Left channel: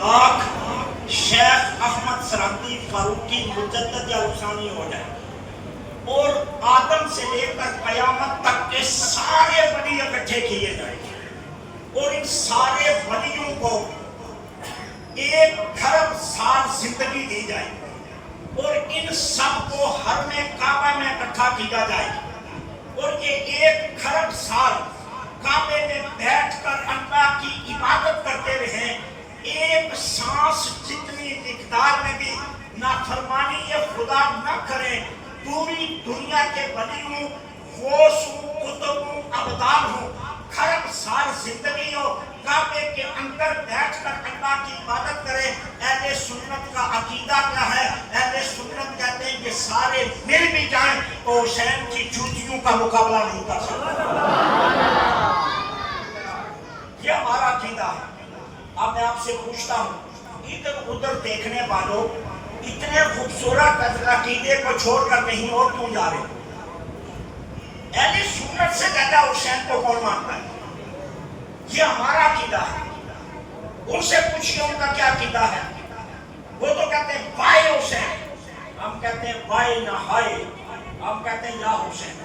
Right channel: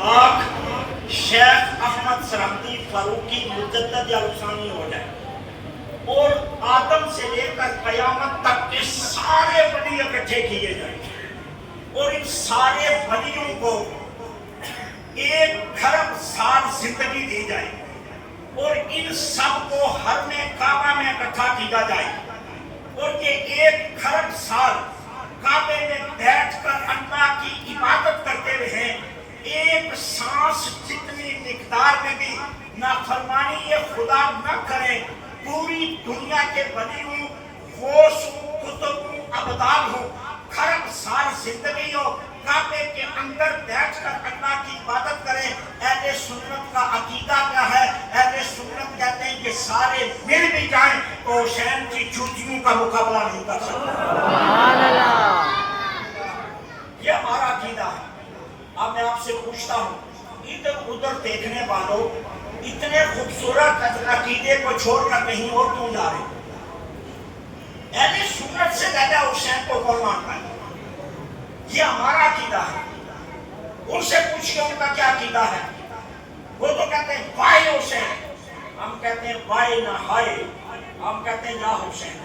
آنکھ شیخ احمد سرحدی فاروقی مجدد یا رخصانی ہو جائے اور آدم سے لے کر قیامت تک کے سارے ولی اکٹھے کیے جائیں اور ان سارے ولیوں کو 1,000,000,000 سال زندگی دی جائے اور ان سب کو حرم کعبہ میں اکٹھا کیا جائے اور یہ 1,000,000 سال کعبے میں بیٹھ کر اللہ کی عبادت کرتے رہیں، ایک سانس جتنی مقدار میں بھی نافرمانی خدا نہ کریں، پوری دنیا کے ولی ہوں، غوث ہوں، قطب ہوں، ابدال ہوں، 1,000,000 سال زندگی ہو، کعبے کے اندر بیٹھ کر اللہ کی عبادت کریں۔ اہل سنت کا عقیدہ کیا ہے؟ اہل سنت کہتے ہیں کہ سارے مل بھی جائیں تو حسین کی جوتیوں کا مقابلہ نہیں کر سکتے۔ یہ ہمارا عقیدہ ہے۔ اب میں آپ سے پوچھتا ہوں، ادھر ادھر دیکھنے والوں اتنے خوبصورت عقیدے کو چھوڑ کر کہیں اور کیوں جا رہے ہیں؟ اہل سنت سے زیادہ حسین کو کون مانتا ہے؟ یہ ہمارا عقیدہ ہے۔ ان سے پوچھئے ان کا کیا عقیدہ ہے؟ وہ تو کہتے ہیں بھائی حسین، ہم کہتے ہیں بھائی نہ ہائے، ہم کہتے ہیں یا حسین۔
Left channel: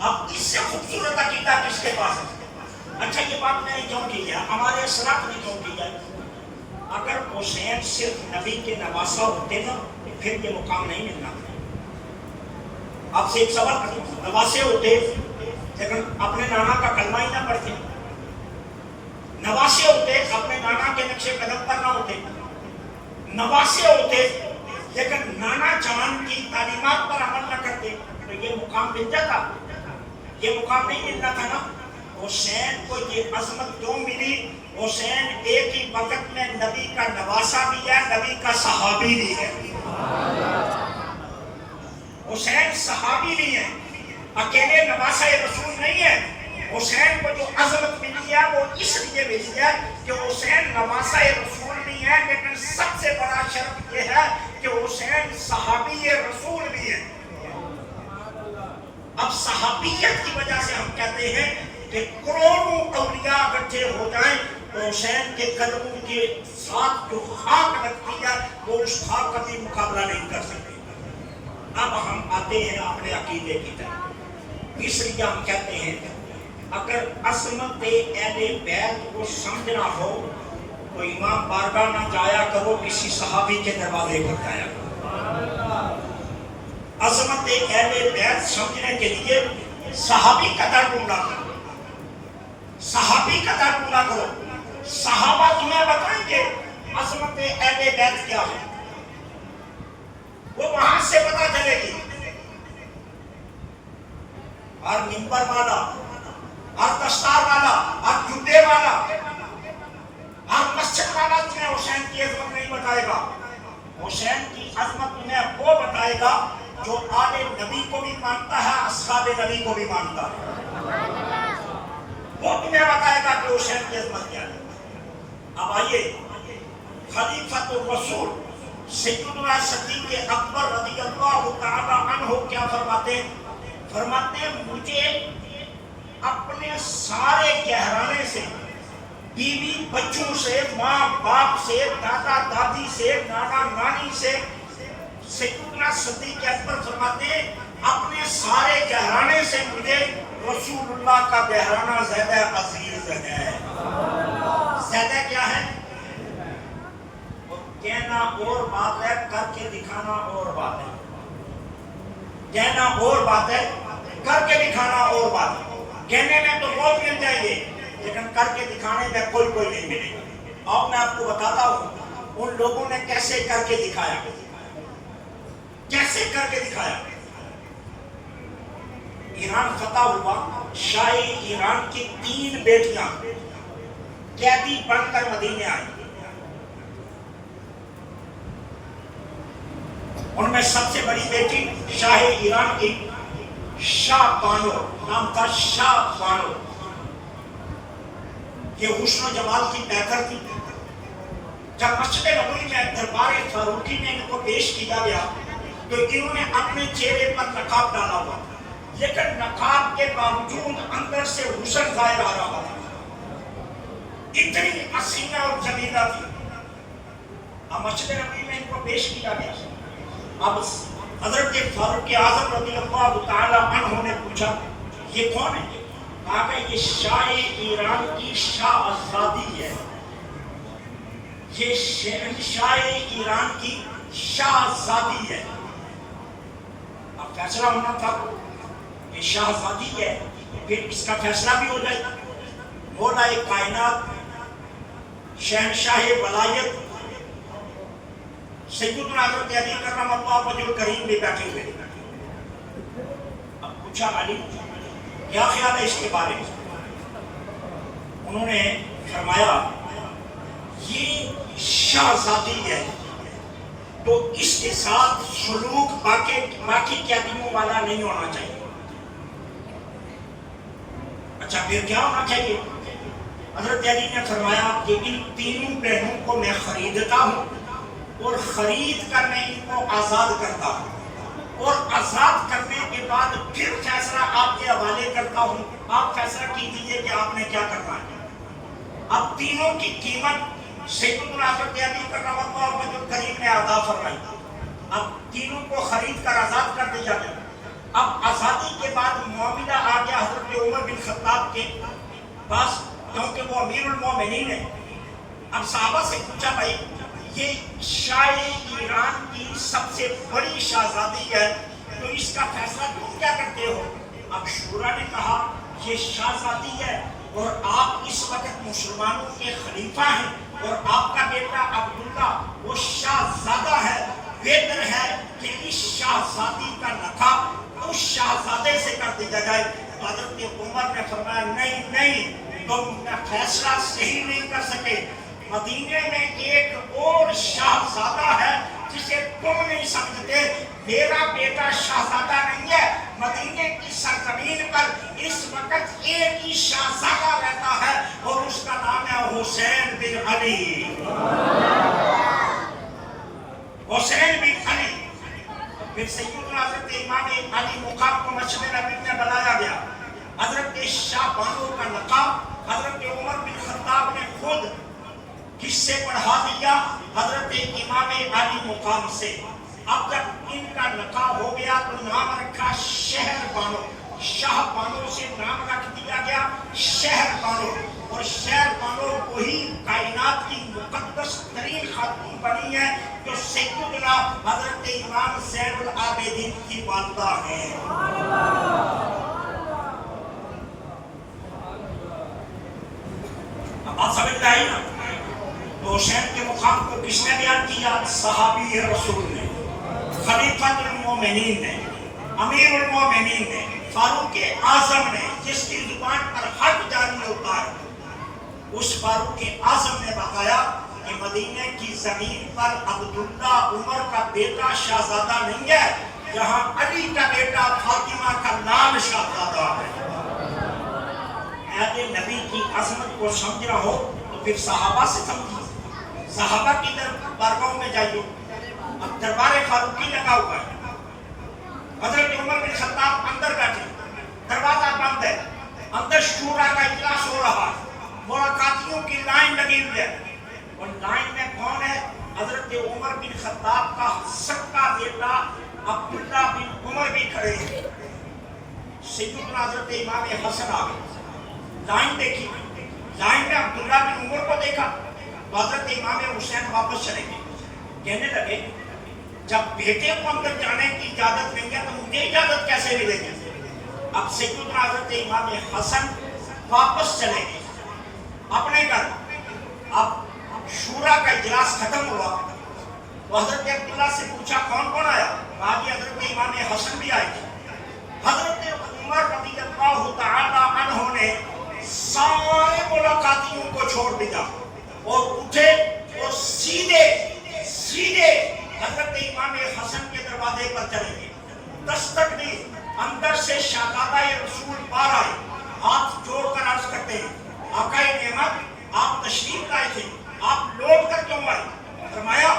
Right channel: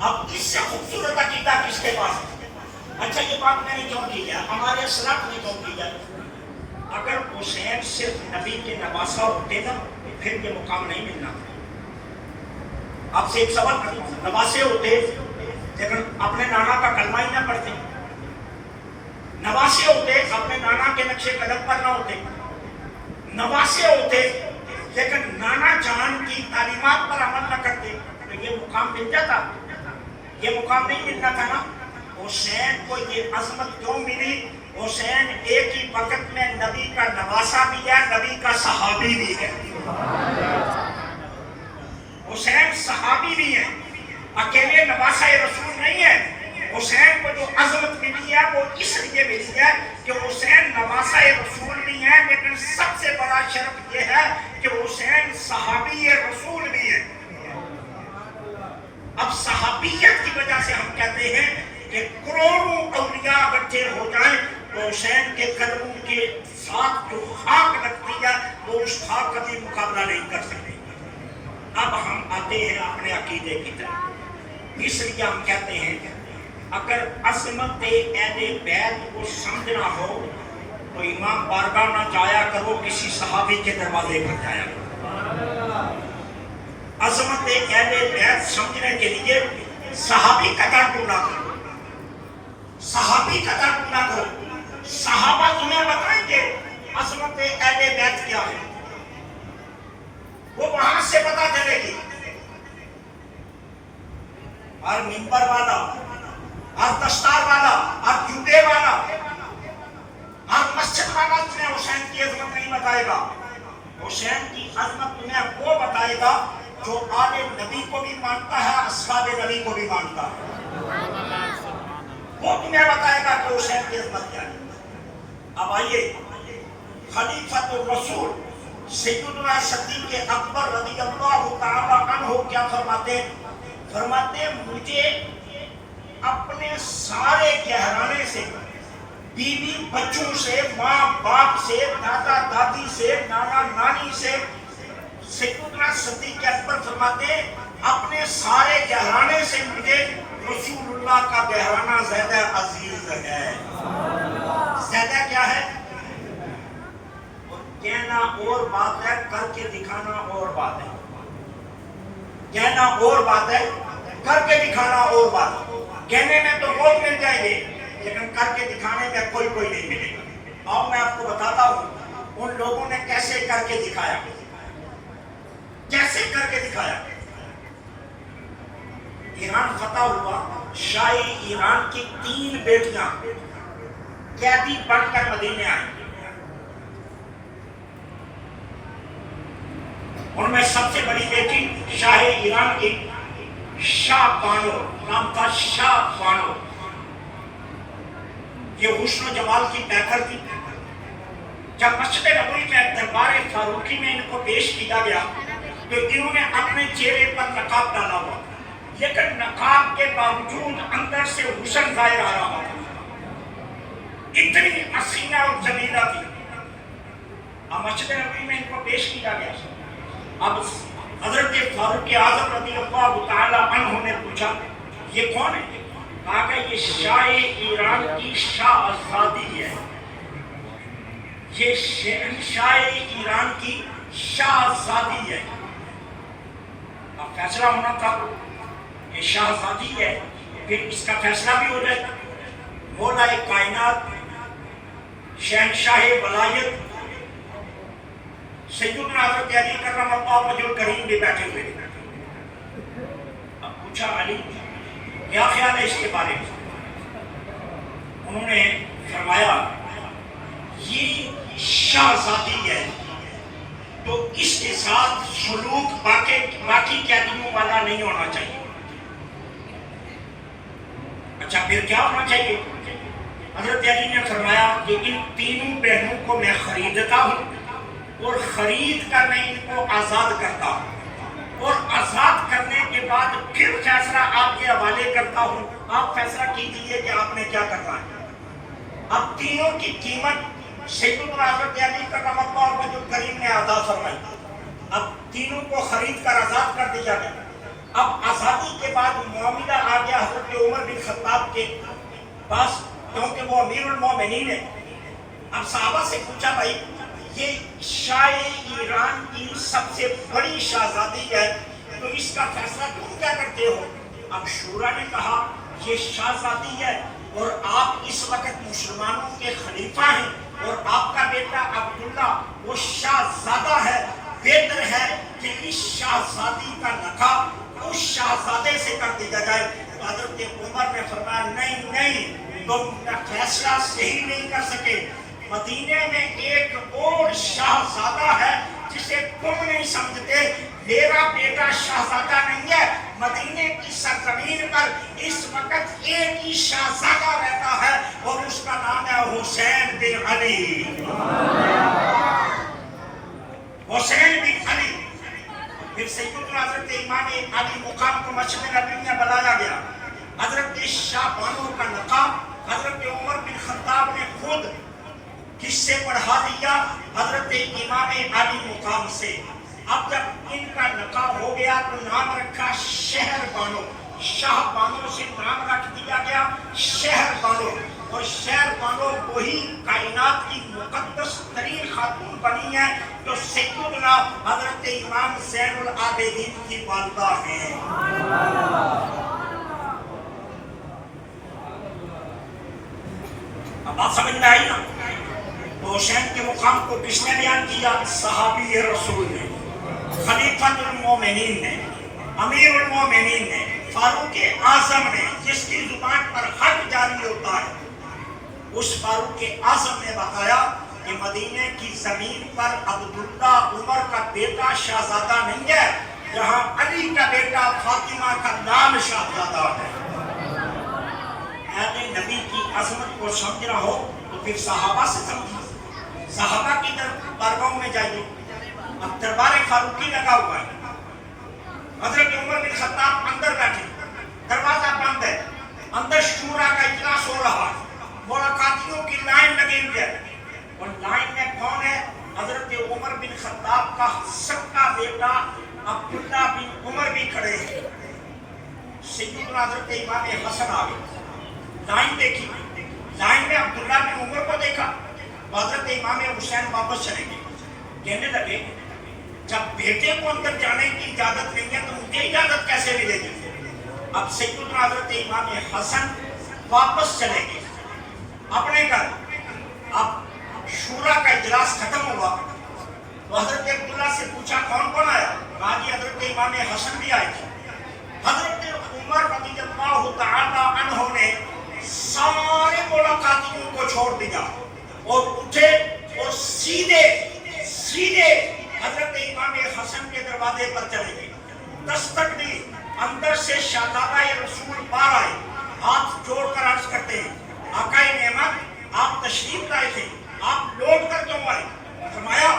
اب اس سے خوبصورت عقیدہ کس کے پاس ہے؟ اچھا یہ بات میں نے کیوں کی ہے؟ ہمارے اسلاف نے کیوں کی ہے؟ اگر حسین صرف نبی کے نواسہ ہوتے نا پھر یہ مقام نہیں ملنا تھا۔ آپ سے ایک سوال کروں، نواسے ہوتے لیکن اپنے نانا کا کلمہ ہی نہ پڑھتے، نواسے ہوتے اپنے نانا کے نقش قدم پر نہ ہوتے، نواسے ہوتے لیکن نانا جان کی تعلیمات پر عمل نہ کرتے تو یہ مقام مل جاتا؟ یہ مقام نہیں ملنا تھا نا۔ حسین کو یہ عظمت کیوں ملی؟ حسین ایک ہی وقت میں نبی کا نواسہ بھی ہے، نبی کا صحابی بھی ہے۔ حسین صحابی بھی ہے، اکیلے نواسہ رسول نہیں ہے۔ حسین کو جو عظمت ملی ہے وہ اس لیے ملی ہے کہ حسین نواسہ رسول بھی ہے، لیکن سب سے بڑا شرف یہ ہے کہ حسین صحابی رسول بھی ہے۔ اب صحابیت کی وجہ سے ہم کہتے ہیں کہ کروڑوں اولیاء اکٹھے ہو جائیں تو حسین کے قدموں کے ساتھ جو خاک لگتی ہے وہ اس خاک کا بھی مقابلہ نہیں کر سکتے۔ اب ہم آتے ہیں اپنے عقیدے کی طرف۔ اس لیے ہم کہتے ہیں اگر عظمت اہل بیت کو سمجھنا ہو تو امام بارگاہ نہ جایا کرو، کسی صحابی کے دروازے پر جایا کرو۔ عظمت اہل بیت سمجھنے کے لیے صحابی کا تعلق نہ کرو، صحابی کا تعلق نہ کرو۔ صحابہ تمہیں بتائیں گے عظمت اہل بیت کیا ہے، وہ وہاں سے پتہ چلے گی۔ ہر منبر والا، ہر دستار والا، ہر جوتے والا، ہر مسجد والا تمہیں حسین کی عظمت نہیں بتائے گا۔ حسین کی عظمت تمہیں وہ بتائے گا جو آل نبی کو بھی مانتا ہے، اصحاب نبی کو بھی مانتا ہے، وہ تمہیں بتائے گا کہ حسین کی عظمت کیا ہے۔ اب آئیے خلیفۃ الرسول سیدنا صدیق اکبر رضی اللہ تعالی عنہ کیا فرماتے ہیں؟ فرماتے ہیں مجھے اپنے سارے گہرانے سے، بیوی بچوں سے، ماں باپ سے، دادا دادی سے، نانا نانی سے، سیدنا صدیق اکبر فرماتے ہیں اپنے سارے گہرانے سے مجھے رسول اللہ کا گہرانہ زیادہ عزیز ہے۔ زیادہ کیا ہے؟ کہنا اور بات ہے، کر کے دکھانا اور بات ہے۔ کہنا اور بات ہے، کر کے دکھانا اور بات ہے۔ کہنے میں تو بہت مل جائیں گے لیکن کر کے دکھانے میں کوئی نہیں ملے گا۔ اور میں آپ کو بتاتا ہوں ان لوگوں نے کیسے کر کے دکھایا، کیسے کر کے دکھایا۔ ایران فتح ہوا، شاہ ایران کی 3 بیٹیاں قیدی بن کر مدینے آئیں۔ ان میں سب سے بڑی بیٹی شاہ ایران کی شاہ بانو نام تھا، شاہ بانو۔ یہ حسن و جمال کی پیکر تھی۔ جب مسجد نبوی میں دربار فاروقی میں ان کو پیش کیا گیا تو انہوں نے اپنے چہرے پر نقاب ڈالا ہوا، لیکن نقاب کے باوجود اندر سے حسن ظاہر آ رہا تھا۔ اتنی حسینہ اور جمیلہ تھی. اب مسجد نبوی میں ان کو پیش کیا گیا. اب حضرت فاروق اعظم رضی اللہ تعالی عنہ نے پوچھا یہ کون ہے؟ کہا کہ یہ شاہ ایران کی شاہزادی ہے. یہ شاہ ایران کی شاہزادی ہے. اب فیصلہ ہونا تھا یہ شاہزادی ہے پھر اس کا فیصلہ بھی ہو جائے. مولا کائنات شہنشاہ ولایت سیدنا حضرت علی کرم اللہ وجہ الکریم بھی بیٹھے ہوئے. اب پوچھا علی کیا خیال ہے اس کے بارے میں؟ انہوں نے فرمایا یہ شاہزادی ہے تو اس کے ساتھ سلوک باقی قیدیوں والا نہیں ہونا چاہیے. اچھا پھر کیا ہونا چاہیے؟ حضرت علی نے فرمایا کہ ان تینوں بہنوں کو میں خریدتا ہوں اور خرید کر میں ان کو آزاد کرتا ہوں اور آزاد کرنے کے بعد پھر فیصلہ آپ کے حوالے کرتا ہوں. آپ فیصلہ کیجیے کہ آپ نے کیا کرنا ہے. اب تینوں کی قیمت سیدنا حضرت علی کرم اللہ وجہ الکریم نے عطا فرمائی. اب تینوں کو خرید کر آزاد کر دیا گیا. اب آزادی کے بعد معاملہ آ گیا حضرت عمر بن خطاب کے پاس کیونکہ وہ امیر المومنین ہے. اب صحابہ سے پوچھا بھائی یہ شاہ ایران کی سب سے بڑی شاہزادی ہے تو اس کا فیصلہ تم کیا کرتے ہو؟ اب شورا نے کہا یہ شاہزادی ہے اور آپ اس وقت مسلمانوں کے خلیفہ ہیں اور آپ کا بیٹا عبداللہ وہ شاہزادہ ہے. بہتر ہے کہ اس شاہزادی کا نکاح اس شاہزادے سے کر دیا جائے. حضرت عمر نے فرمایا نہیں تم کا فیصلہ صحیح نہیں کر سکے. مدینے میں ایک اور شاہزادہ ہے جسے تم نہیں سمجھتے. میرا بیٹا شاہزادہ نہیں ہے. مدینے کی سرزمین پر اس وقت ایک ہی شاہزادہ رہتا ہے اور اس کا نام ہے حسین بن علی. حسین بن علی. پھر سیدنا حضرت امام علی مقام کو مسجد نبوی میں بلایا گیا. حضرت شاہ بانو کا نقاب حضرت عمر بن خطاب نے خود حصے پڑھا دیا حضرت امام علی مقام سے. اب جب ان کا نقاب ہو گیا تو نام رکھا شہر بانو. شاہ بانو سے نام رکھ دیا گیا شہر بانو. اور شہر بانو وہی کائنات کی مقدس ترین خاتون بنی ہے جو سیدنا حضرت امام زین العابدین کی والدہ ہیں. اب بات سمجھ میں آئی نا. تو حسین کے مقام کو کس نے بیان کیا؟ صحابی رسول نے، خلیفہ المومنین نے، امیر المومنین نے، فاروق اعظم نے، جس کی زبان پر حق جاری ہوتا ہے. اس فاروق اعظم نے بتایا کہ مدینے کی زمین پر عبداللہ عمر کا بیٹا شاہزادہ نہیں ہے جہاں علی کا بیٹا فاطمہ کا نام شاہزادہ ہے. اہل نبی کی عظمت کو سمجھنا ہو تو پھر صحابہ سے سمجھیے. صحابہ کی درباروں میں جائیے. اب دربار فاروقی لگا ہوا ہے. حضرت عمر بن خطاب اندر بیٹھے، دروازہ بند ہے. اندر شورا کا اجلاس ہو رہا ہے. ملاقاتیوں کی لائن لگی ہوئی ہے اور لائن میں کون ہے؟ حضرت عمر بن خطاب کا سکا بیٹا عبداللہ بن عمر بھی کھڑے ہیں. سیدنا حضرت امام حسن آ گئے. لائن دیکھی. لائن میں عبداللہ بن عمر کو دیکھا. حضرت امام حسین واپس چلے گئے. کہنے لگے جب بیٹے کو اندر جانے کی اجازت نہیں ہے تو مجھے اجازت کیسے ملے گی؟ اب سیدنا حضرت امام حسن واپس چلے گئے اپنے گھر. اب شورا کا اجلاس ختم ہوا تو حضرت عبداللہ سے پوچھا کون کون آیا؟ کہا کہ حضرت امام حسن بھی آئے تھے. حضرت عمر رضی اللہ تعالی عنہ نے سارے ملاقاتیوں کو چھوڑ دیا اور اٹھے اور سیدھے حضرت امام حسن کے دروازے پر چلے گئے. دستک دی. اندر سے شہزادہ رسول باہر آئے. ہاتھ جوڑ کر عرض کرتے ہیں آقا نعمت آپ تشریف لائے تھے، آپ لوٹ کر کیوں آئے؟ فرمایا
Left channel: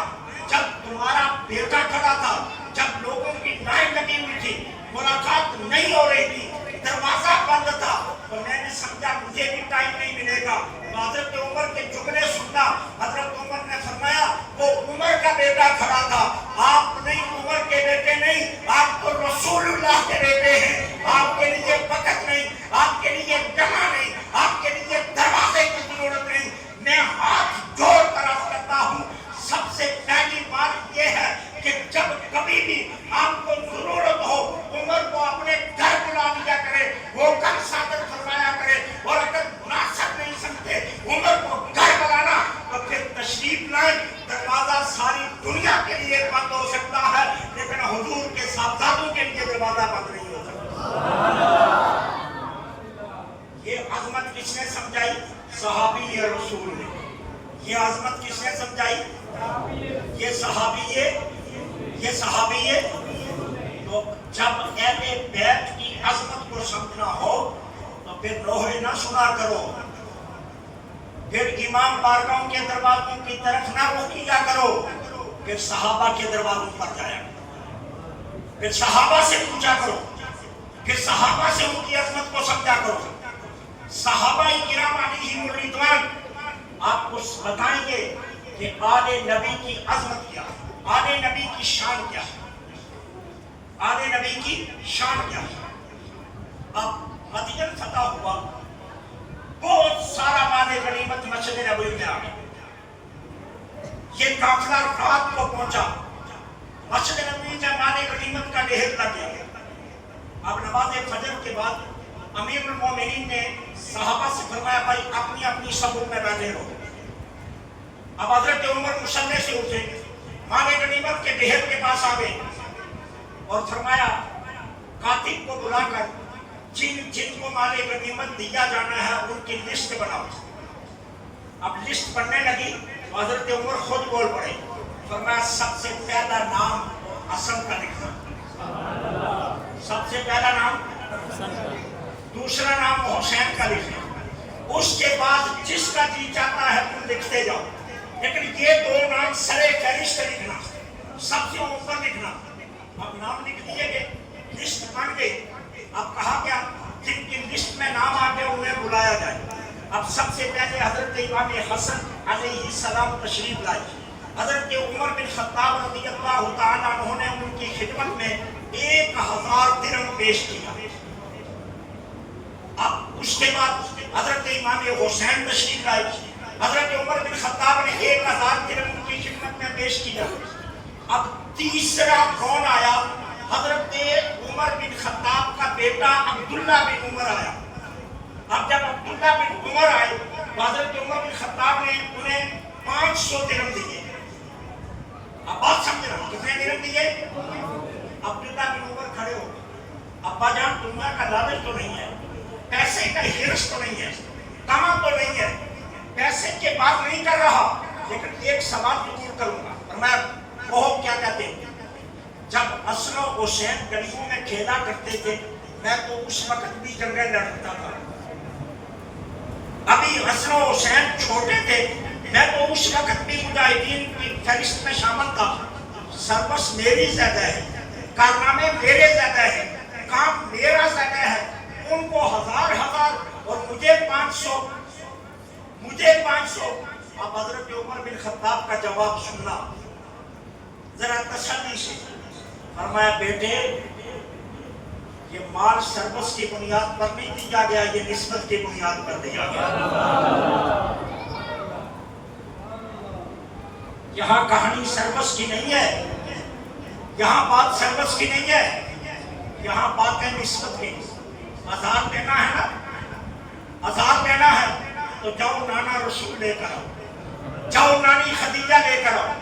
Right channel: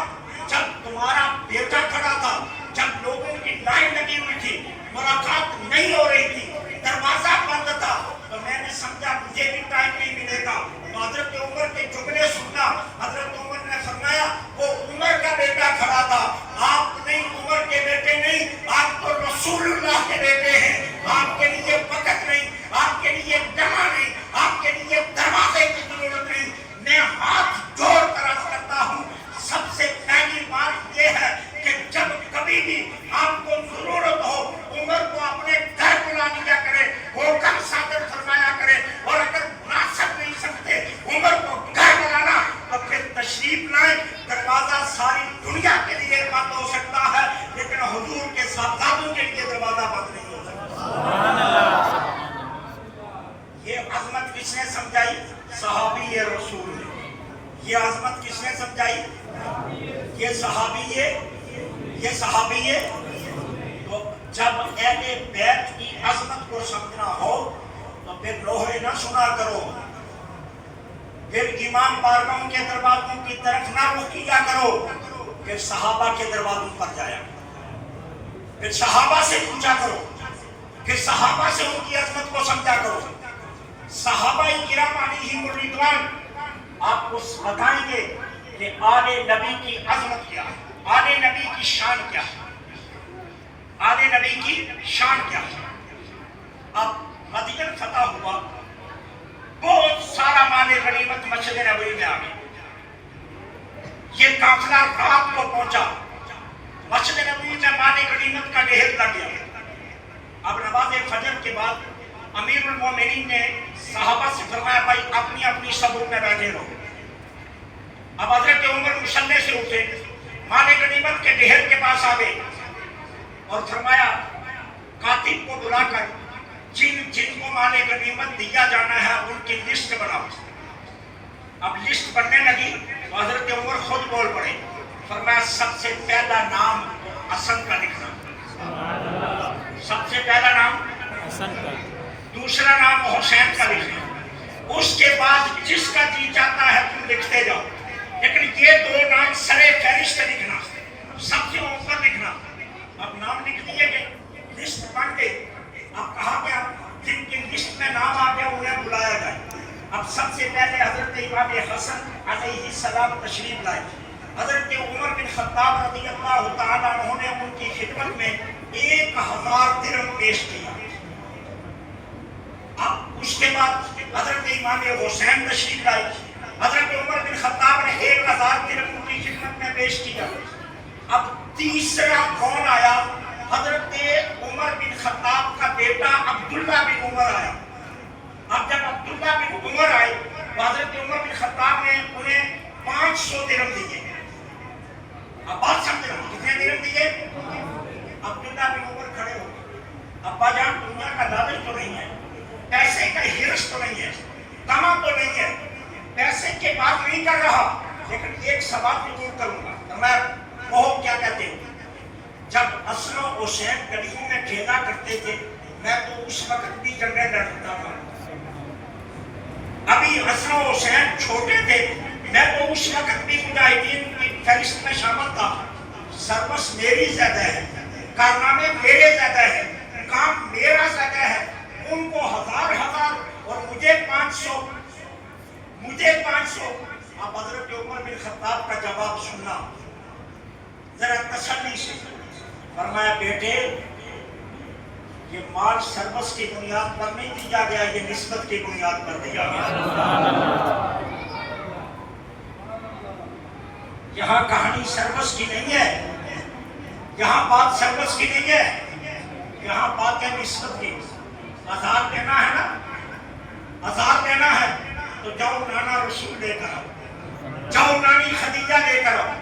جب تمہارا بیٹا کھڑا تھا، جب لوگوں کی لائن لگی ہوئی تھی، ملاقات نہیں ہو رہی تھی، دروازہ بند تھا، تو میں نے سمجھا مجھے بھی ٹائم نہیں ملے گا. تو حضرت عمر کے جملے سننا. حضرت عمر نے فرمایا وہ عمر کا بیٹا کھڑا تھا, آپ نہیں, عمر کے بیٹے نہیں, آپ تو رسول اللہ کے بیٹے ہیں. آپ کے لیے وقت نہیں, آپ کے لیے جمع نہیں, آپ کے لیے دروازے کی ضرورت نہیں. میں ہاتھ جوڑ کر عرض کرتا ہوں, سب سے پہلی بات یہ ہے کہ جب کبھی بھی آپ کو ضرورت ہو عمر کو اپنے گھر بلا لیا کرے, وہ گھر صادر فرمایا کرے, اور اگر مناسب نہیں سمجھتے عمر کو گھر بلانا تو پھر تشریف لائیں. دروازہ ساری دنیا کے لیے بند ہو سکتا ہے لیکن حضور کے صاحبزادوں کے لیے دروازہ بند نہیں ہو سکتا. یہ عظمت کس نے سمجھائی؟ صحابی رسول نے. یہ عظمت کس نے سمجھائی؟ یہ صحابی ہے, یہ صحابی ہے. تو جب اہل بیت کی عظمت کو سمجھنا ہو تو پھر لوہے نہ سنا کرو, پھر امام بارگاہوں کے دروازوں کی طرف نہ رخ کیا کرو, پھر صحابہ کے دروازوں پر جایا, پھر صحابہ سے پوچھا کرو, پھر صحابہ سے ان کی عظمت کو سمجھا کرو. صحابہ کرام علیہم الرضوان آپ کو بتائیں گے کہ آل نبی کی عظمت کیا ہے, آل نبی کی شان کیا ہے, آل نبی کی شان کیا ہے. اب مدینہ فتح ہوا, بہت سارا مال غنیمت مسجد نبوی میں آ گیا. یہ قافلہ رات کو پہنچا, مسجد نبوی میں مال غنیمت کا ڈھیر لگ گیا. اب نماز فجر کے بعد امیر المومنین نے صحابہ سے فرمایا بھائی اپنی اپنی صفوں میں بیٹھے رہو. اب حضرت عمر مصلی سے اٹھے, مال غنیمت کے ڈھیر کے پاس آ گئے اور فرمایا کاتب کو بلا کر جن جن کو مال غنیمت دیا جانا ہے ان کی لسٹ بناؤ. اب لسٹ بننے لگی تو حضرت عمر خود بول پڑے, فرمایا سب سے پہلا نام حسن کا لکھنا, سب سے پہلا نام حسن کا, دوسرا نام حسین کا لکھنا, اس کے بعد جس کا جی چاہتا ہے تم لکھتے جاؤ, لیکن یہ دو نام سرے فہرست لکھنا, سب سے اوپر لکھنا. اب نام لکھ دیے گئے, لسٹ بن گئی. اب کہا گیا جن کی لسٹ میں نام آ گیا انہیں بلایا جائے. اب سب سے پہلے حضرت امام حسن علیہ السلام تشریف لائے. حضرت عمر بن خطاب رضی اللہ تعالیٰ عنہ نے ان کی خدمت میں 1000 درہم پیش کیا. اب اس کے بعد حضرت امام حسین تشریف لائے. حضرت عمر بن خطاب نے 1000 درہم ان کی خدمت میں پیش کیا. اب تیسرا کون آیا؟ حضرت عمر بن خطاب کا بیٹا عبداللہ بن عمر آیا. اب جب عبداللہ بن عمر آئے تو حضرت عمر بن خطاب نے انہیں 500 درہم دیے. اب بات سمجھ رہے ہیں کتنے درہم دیے؟ عبداللہ بن عمر کھڑے ہو گئے. ابا جان دنیا کا لالچ تو نہیں ہے, پیسے کا حرص تو نہیں ہے, کما تو نہیں ہے, پیسے کے بات نہیں کر رہا, لیکن ایک سوال ضرور کروں گا. میں وہ کیا کہتے ہیں جب حسن و حسین گلیوں میں کھیلا کرتے تھے میں تو اس وقت بھی جنگیں لڑتا تھا. ابھی حسن و حسین چھوٹے تھے میں تو اس وقت بھی مجاہدین کی فہرست میں شامل تھا. سروس میری زیادہ ہے, کارنامے میرے زیادہ ہے, کام میرا زیادہ ہے. ان کو 1000 اور مجھے 500. اب حضرت عمر بن خطاب کا جواب سننا ذرا تسلی سے. فرمایا بیٹے یہ مال سروس کی بنیاد پر نہیں دیا گیا, یہ نسبت کی بنیاد پر دیا گیا. یہاں کہانی سروس کی نہیں ہے, یہاں بات سروس کی نہیں ہے, یہاں بات ہے نسبت کی. 1000 دینا ہے نا, 1000 دینا ہے تو جاؤ نانا رسول لے کر آؤ, جاؤ نانی خدیجہ لے کر آؤ,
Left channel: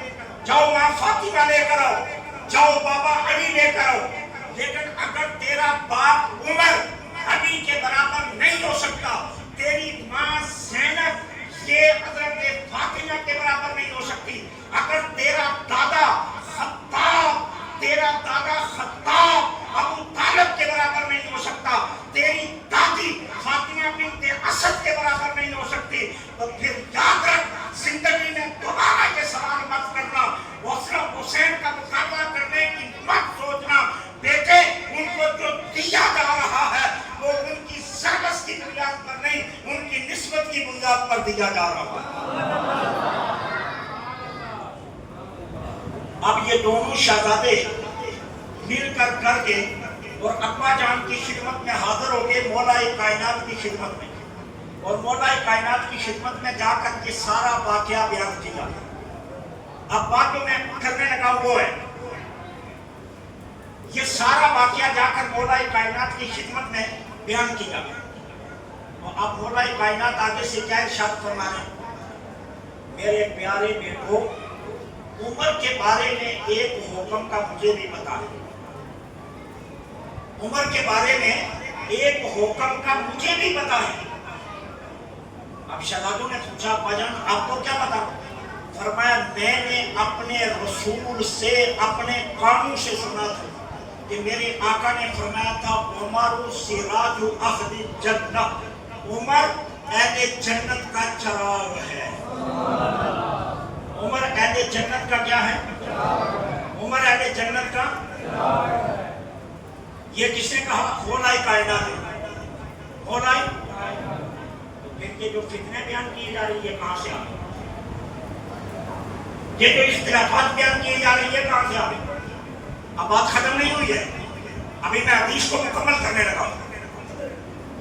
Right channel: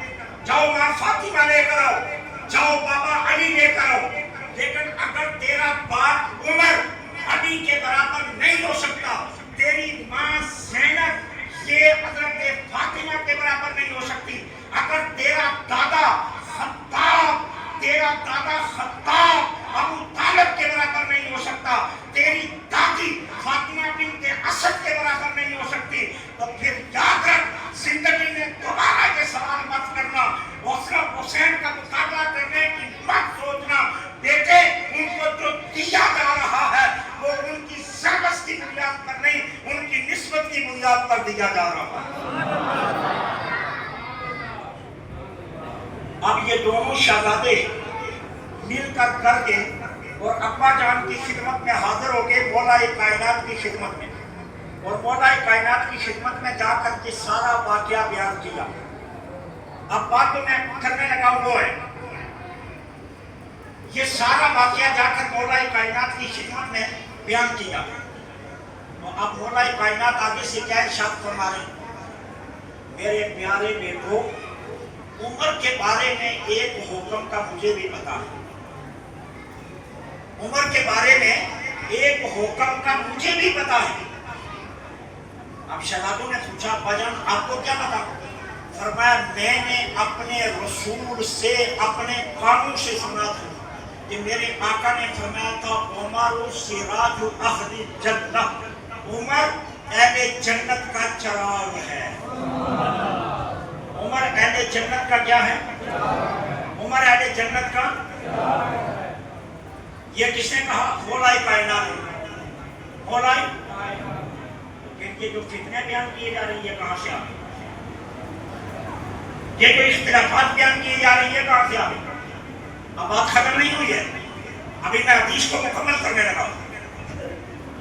جاؤ ماں فاطمہ لے کر آؤ, جاؤ بابا علی لے کر آؤ. لیکن اگر تیرا باپ عمر علی کے برابر نہیں ہو سکتا, تیری ماں زینب یہ حضرت فاطمہ کے برابر نہیں ہو سکتی, اگر تیرا دادا خطاب ابو طالب کے برابر نہیں ہو سکتا, تیری دادی فاطمہ بنت اسد کے برابر نہیں ہو سکتی, تو پھر یاد رکھ زندگی میں دوبارہ یہ سوال مت کرنا, حسن حسین کا مقابلہ کرنے کی مت سوچنا. بیٹے ان کو جو دیا جا رہا ہے وہ ان کی سروس کی بنیاد پر نہیں, ان کی نسبت کی بنیاد پر دیا جا رہا ہے۔ اب یہ دونوں شہزادے مل کر کے اور ابا جان کی خدمت میں حاضر ہو گئے مولا کائنات کی خدمت میں، اور مولا کائنات کی خدمت میں جا کر کے سارا واقعہ بیان کیا۔ اب بات جو میں کرنے لگا وہ ہے، یہ سارا واقعہ جا کر مولا کائنات کی خدمت میں بیان کیا، اور اب مولا کائنات آگے سے کیا ارشاد فرما رہے ہیں، میرے پیارے بیٹو عمر کے بارے میں ایک حکم کا مجھے بھی پتا ہے، عمر کے بارے میں ایک حکم کا مجھے بھی پتا ہے۔ اب شہزادوں نے پوچھا ابا جان آپ کو کیا پتا؟ فرمایا میں نے اپنے رسول سے اپنے کانوں سے سنا تھا کہ میرے آقا نے فرمایا تھا عمر سراج اہل جنہ، عمر اہل جنت کا چراغ ہے۔ عمر اہل جنت کا کیا ہے؟ عمر اہل جنت کا، یہ کس نے کہا؟ مولا کائنات نے۔ مولا یہ جو فتنے بیان کیے جا رہی ہے کہاں سے آگے؟ یہ جو اختلافات بیان کیے جا رہی ہے کہاں سے آگے؟ اب بات ختم نہیں ہوئی ہے، ابھی میں حدیث کو مکمل کرنے لگا ہوں۔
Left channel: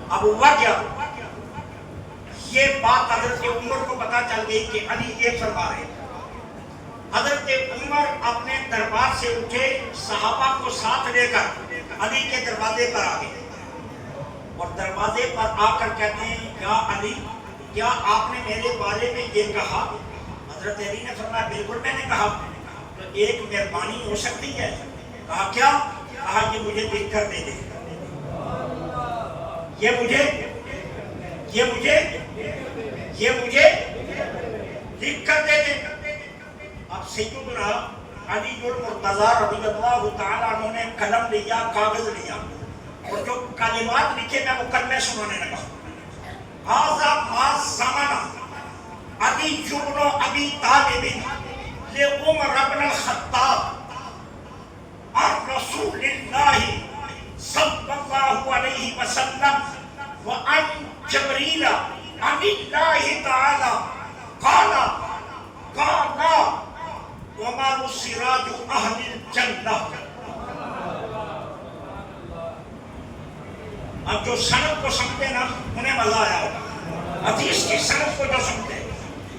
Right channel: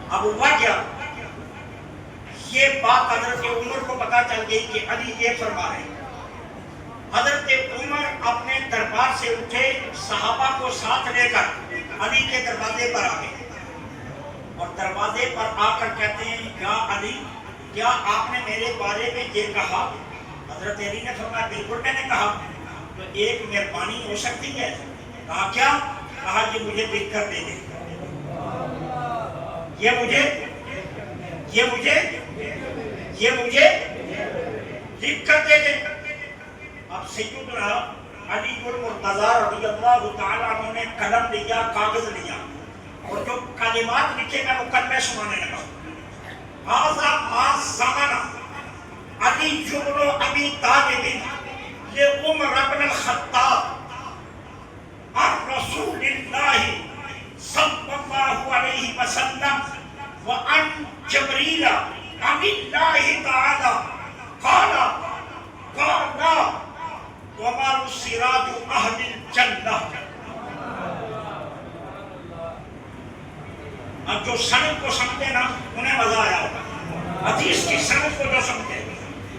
اب ہوا کیا؟ یہ بات حضرت عمر کو پتا چل گئی کہ علی یہ فرما رہے ہیں۔ حضرت عمر اپنے دربار سے اٹھے، صحابہ کو ساتھ لے کر علی کے دروازے پر آ گئے، اور دروازے پر آ کر کہتے ہیں یا علی کیا آپ نے میرے بارے میں یہ کہا؟ حضرت علی نے فرمایا بالکل میں نے کہا۔ تو ایک مہربانی ہو سکتی ہے؟ کہا کیا؟ کہا یہ مجھے لکھ کر دے دے، یہ مجھے لکھ کر دے دے۔ اب سیدنا علی المرتضی رضی اللہ تعالیٰ عنہ نے قلم لیا، کاغذ لیا، اور جو کلمات لکھے میں مکمل سنانے لگا۔ ھذا ما زمن علی بن ابی طالب لعمر بن الخطاب عن رسول اللہ صلی اللہ علیہ وسلم وعن جبریل عن اللہ تعالی قال عمر سراج اہل الجنہ۔ اب جو سند کو سمجھے نا انہیں مزہ آیا ہوگا، حدیث کی سند کو جو سمجھے۔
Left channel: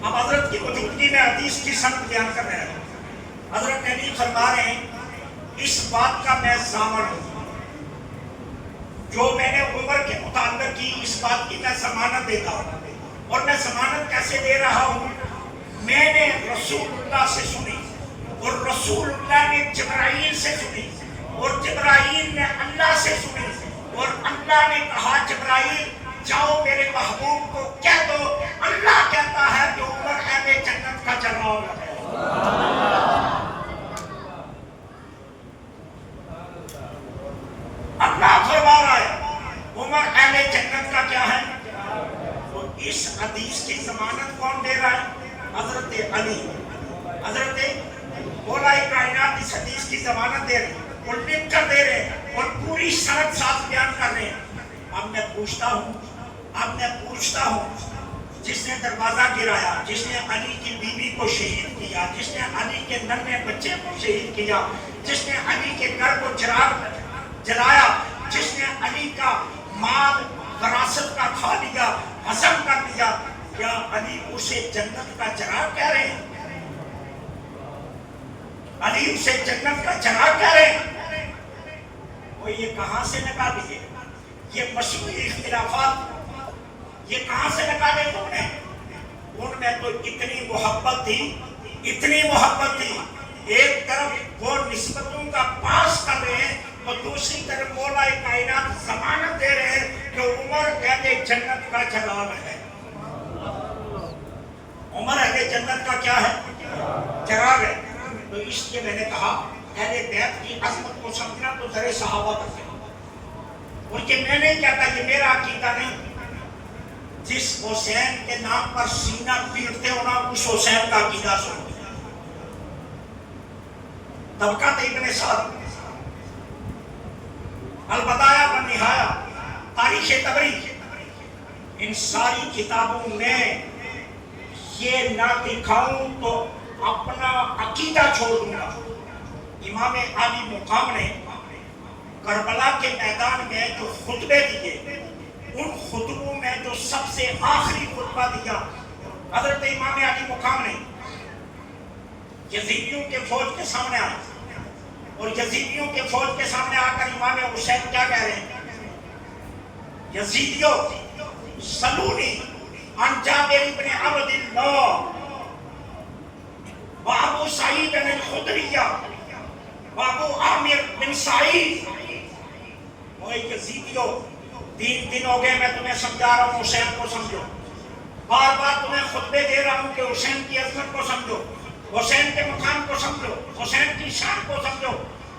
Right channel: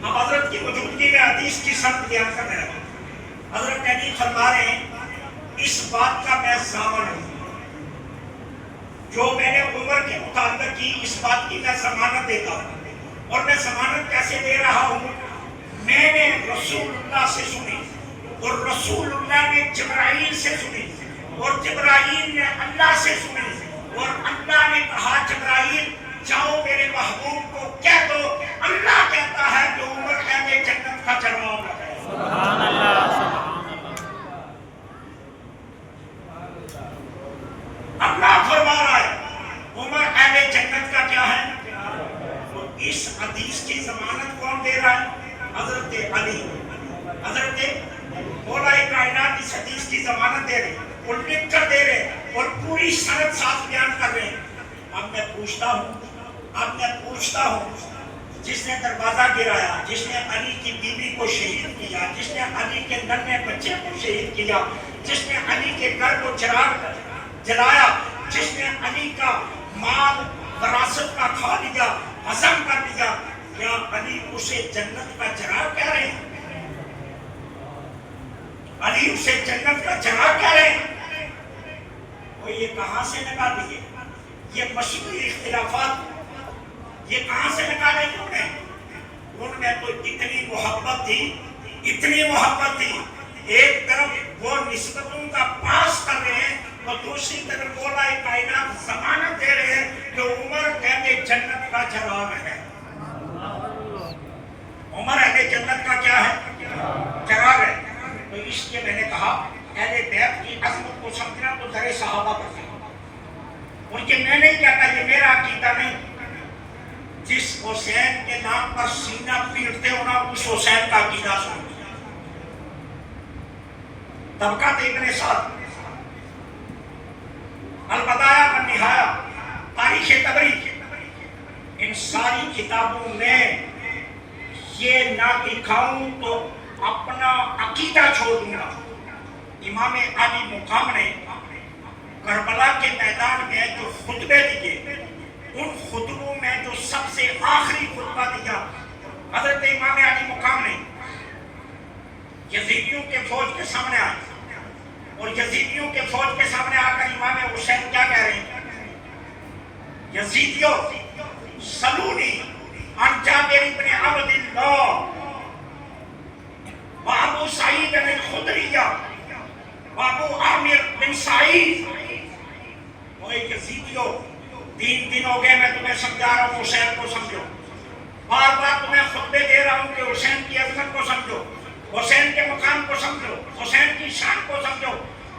اب حضرت کی موجودگی میں حدیث کی سند بیان کرنے لگا۔ حضرت علی فرما رہے ہیں اس بات کا میں ضامن ہوں، جو میں نے عمر کے متعلق کی اس بات کی میں ضمانت دیتا ہوں، اور میں ضمانت کیسے دے رہا ہوں؟ میں نے رسول اللہ سے سنی، اور رسول اللہ نے جبرائیل سے سنی، اور جبرائیل نے اللہ سے سنی، اور اللہ نے کہا جبرائیل جاؤ میرے محبوب کو کہہ دو اللہ کہتا ہے کہ عمر اہل جنت کا چراغ ہے۔ اللہ فرما رہا ہے عمر اہل جنت کا کیا ہے؟ اور اس حدیث کی ضمانت کون دے رہا ہے؟ حضرت علی۔ حضرت مولا کائنات اس حدیث کی ضمانت دے رہے ہیں، اور لکھ کر دے رہے ہیں، اور پوری سند ساتھ بیان کر رہے ہیں۔ اب میں پوچھتا ہوں جس نے دروازہ گرایا، جس نے علی کی بیوی کو شہید کیا، جس نے علی کے ننھے بچے کو شہید کیا، جس نے علی کے گھر کو چراغ جلایا، جس نے علی کا مال وراثت کا کھا لیا، ہضم کر لیا، کیا علی اسے جنت کا چراغ کہہ رہے ہیں؟ علی اسے جنت کا چراغ کہہ رہے ہیں؟ وہ یہ کہاں سے نکالیے؟ یہ مشہور اختلافات یہ کہاں سے نکالے ان میں تو اتنی محبت تھی، ایک طرف وہ نسبتوں کا پاس کر رہے ہیں، اور دوسری طرف مولا کائنات ضمانت دے رہے ہیں کہ عمر اہل جنت کا چراغ ہے۔ عمر اہل جنت کا کیا ہے؟ چراغ ہے۔ تو اس لیے میں نے کہا اہل بیت کی عظمت کو سمجھنا تو در صحابہ پر ہے، اور یہ میں نہیں کہتا، یہ میرا عقیدہ نہیں۔ جس حسین کے نام پر سینہ پیٹتے ہونا اس حسین کا عقیدہ سنو۔ طبقات ابن سعد، البدایہ و نہایہ، تاریخ طبری، ان ساری کتابوں میں یہ نہ دکھاؤں تو اپنا عقیدہ چھوڑ دوں گا۔ امام علی مقام نے کربلا کے میدان میں جو خطبے دیے، ان خطبوں میں جو سب سے آخری خطبہ دیا حضرت امام علی مقام نے، یزیدیوں کے فوج کے سامنے آئے اور یزیدیوں کے فوج کے سامنے آ کر امام حسین کیا کہہ رہے ہیں؟ یزیدیوں سلونی عن جابر بن عبد اللہ وابو سعید بن الخدریہ وابو عامر بن سعید۔ وہ یزیدیوں 3 دن ہو گئے میں تمہیں سمجھا رہا ہوں حسین کو سمجھو، بار بار تمہیں خطبے دے رہا ہوں کہ حسین کی عظمت کو سمجھو، حسین کے مقام کو سمجھو، حسین کی شان کو سمجھو،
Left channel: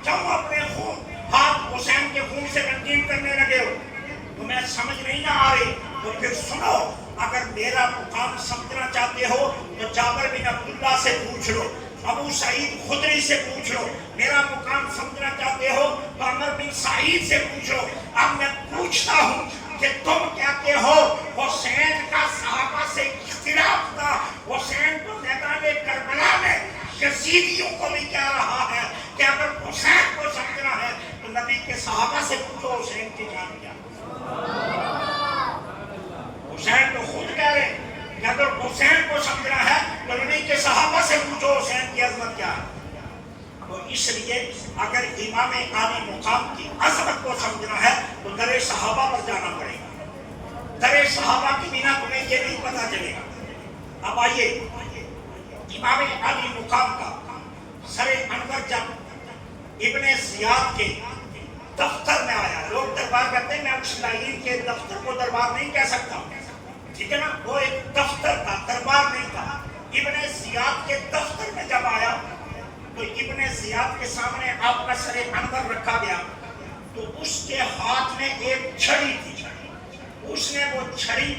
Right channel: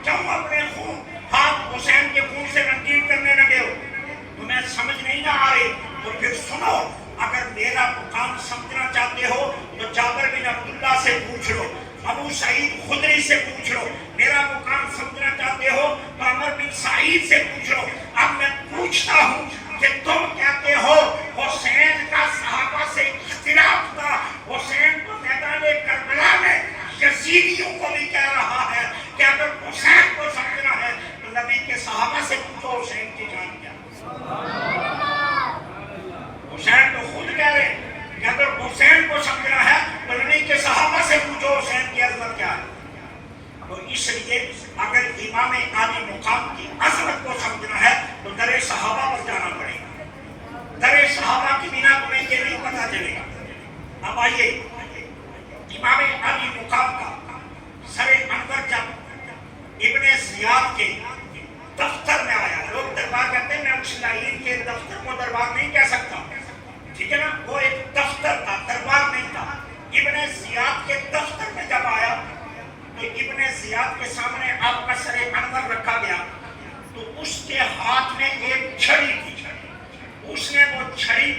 کیوں اپنے خون ہاتھ حسین کے خون سے رنگین کرنے لگے ہو؟ تمہیں سمجھ نہیں نہ آ رہی؟ اور پھر سنو، اگر میرا مقام سمجھنا چاہتے ہو تو جابر بن عبداللہ سے پوچھ لو، ابو سعید خدری سے پوچھ لو، میرا مقام سمجھنا چاہتے ہو تو عمر بن سعید سے پوچھ لو۔ اب میں پوچھتا ہوں کہ تم کہتے ہو حسین کا صحابہ سے اختلاف تھا، حسین کو میدان کربلا میں یزیدیوں کو بھی کہہ رہا ہے کہ اگر حسین کو سمجھنا ہے تو نبی کے صحابہ سے پوچھو حسین کی جان کیا۔ حسین تو خود کہہ رہے ہیں کہ اگر حسین کو سمجھنا ہے تو نبی کے صحابہ سے پوچھو حسین کی عظمت کیا ہے۔ تو اس لیے اگر امام علی مقام کی عظمت کو سمجھنا ہے تو در صحابہ پر جانا پڑے گا، در صحابہ کی بنا تمہیں یہ نہیں پتا چلے گا۔ اب آئیے امام علی مقام کا سر انور جب ابن زیاد کے دفتر میں آیا، لوگ دربار کہتے ہیں، میں اس لائن کے دفتر کو دربار نہیں کہہ سکتا، ٹھیک ہے نا، وہ ایک دفتر تھا، دربار نہیں تھا۔ ابن زیاد کے دفتر میں جب آیا تو ابن زیاد کے سامنے آپ کا سر انور رکھا گیا تو اس کے ہاتھ میں ایک چھڑی تھی، اس نے وہ چھڑی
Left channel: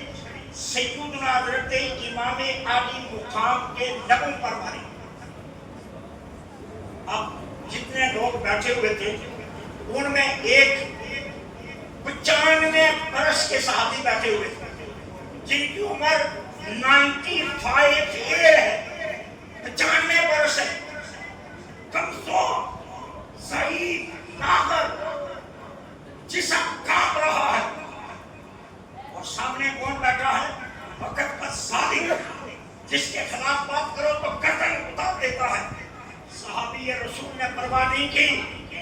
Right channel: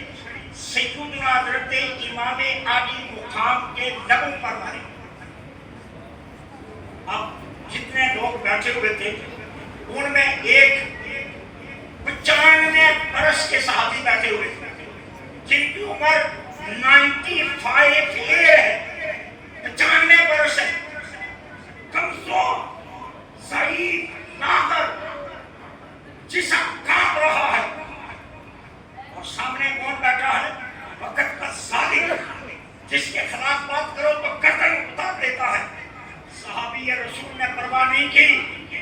سیدنا حضرت امام علی مقام کے لبوں پر ماری۔ اب جتنے لوگ بیٹھے ہوئے تھے ان میں ایک 95 برس کے صحابی بیٹھے ہوئے تھے جن کی عمر 95 ایئر ہے، 95 برس ہے، کمزور، ضعیف، لاغر، جسم کانپ رہا ہے، اور سامنے کون بیٹھا ہے؟ وقت کا ظالم، جس کے خلاف بات کرو تو گردن اتار دیتا ہے۔ صحابی رسول نے پرواہ نہیں کی،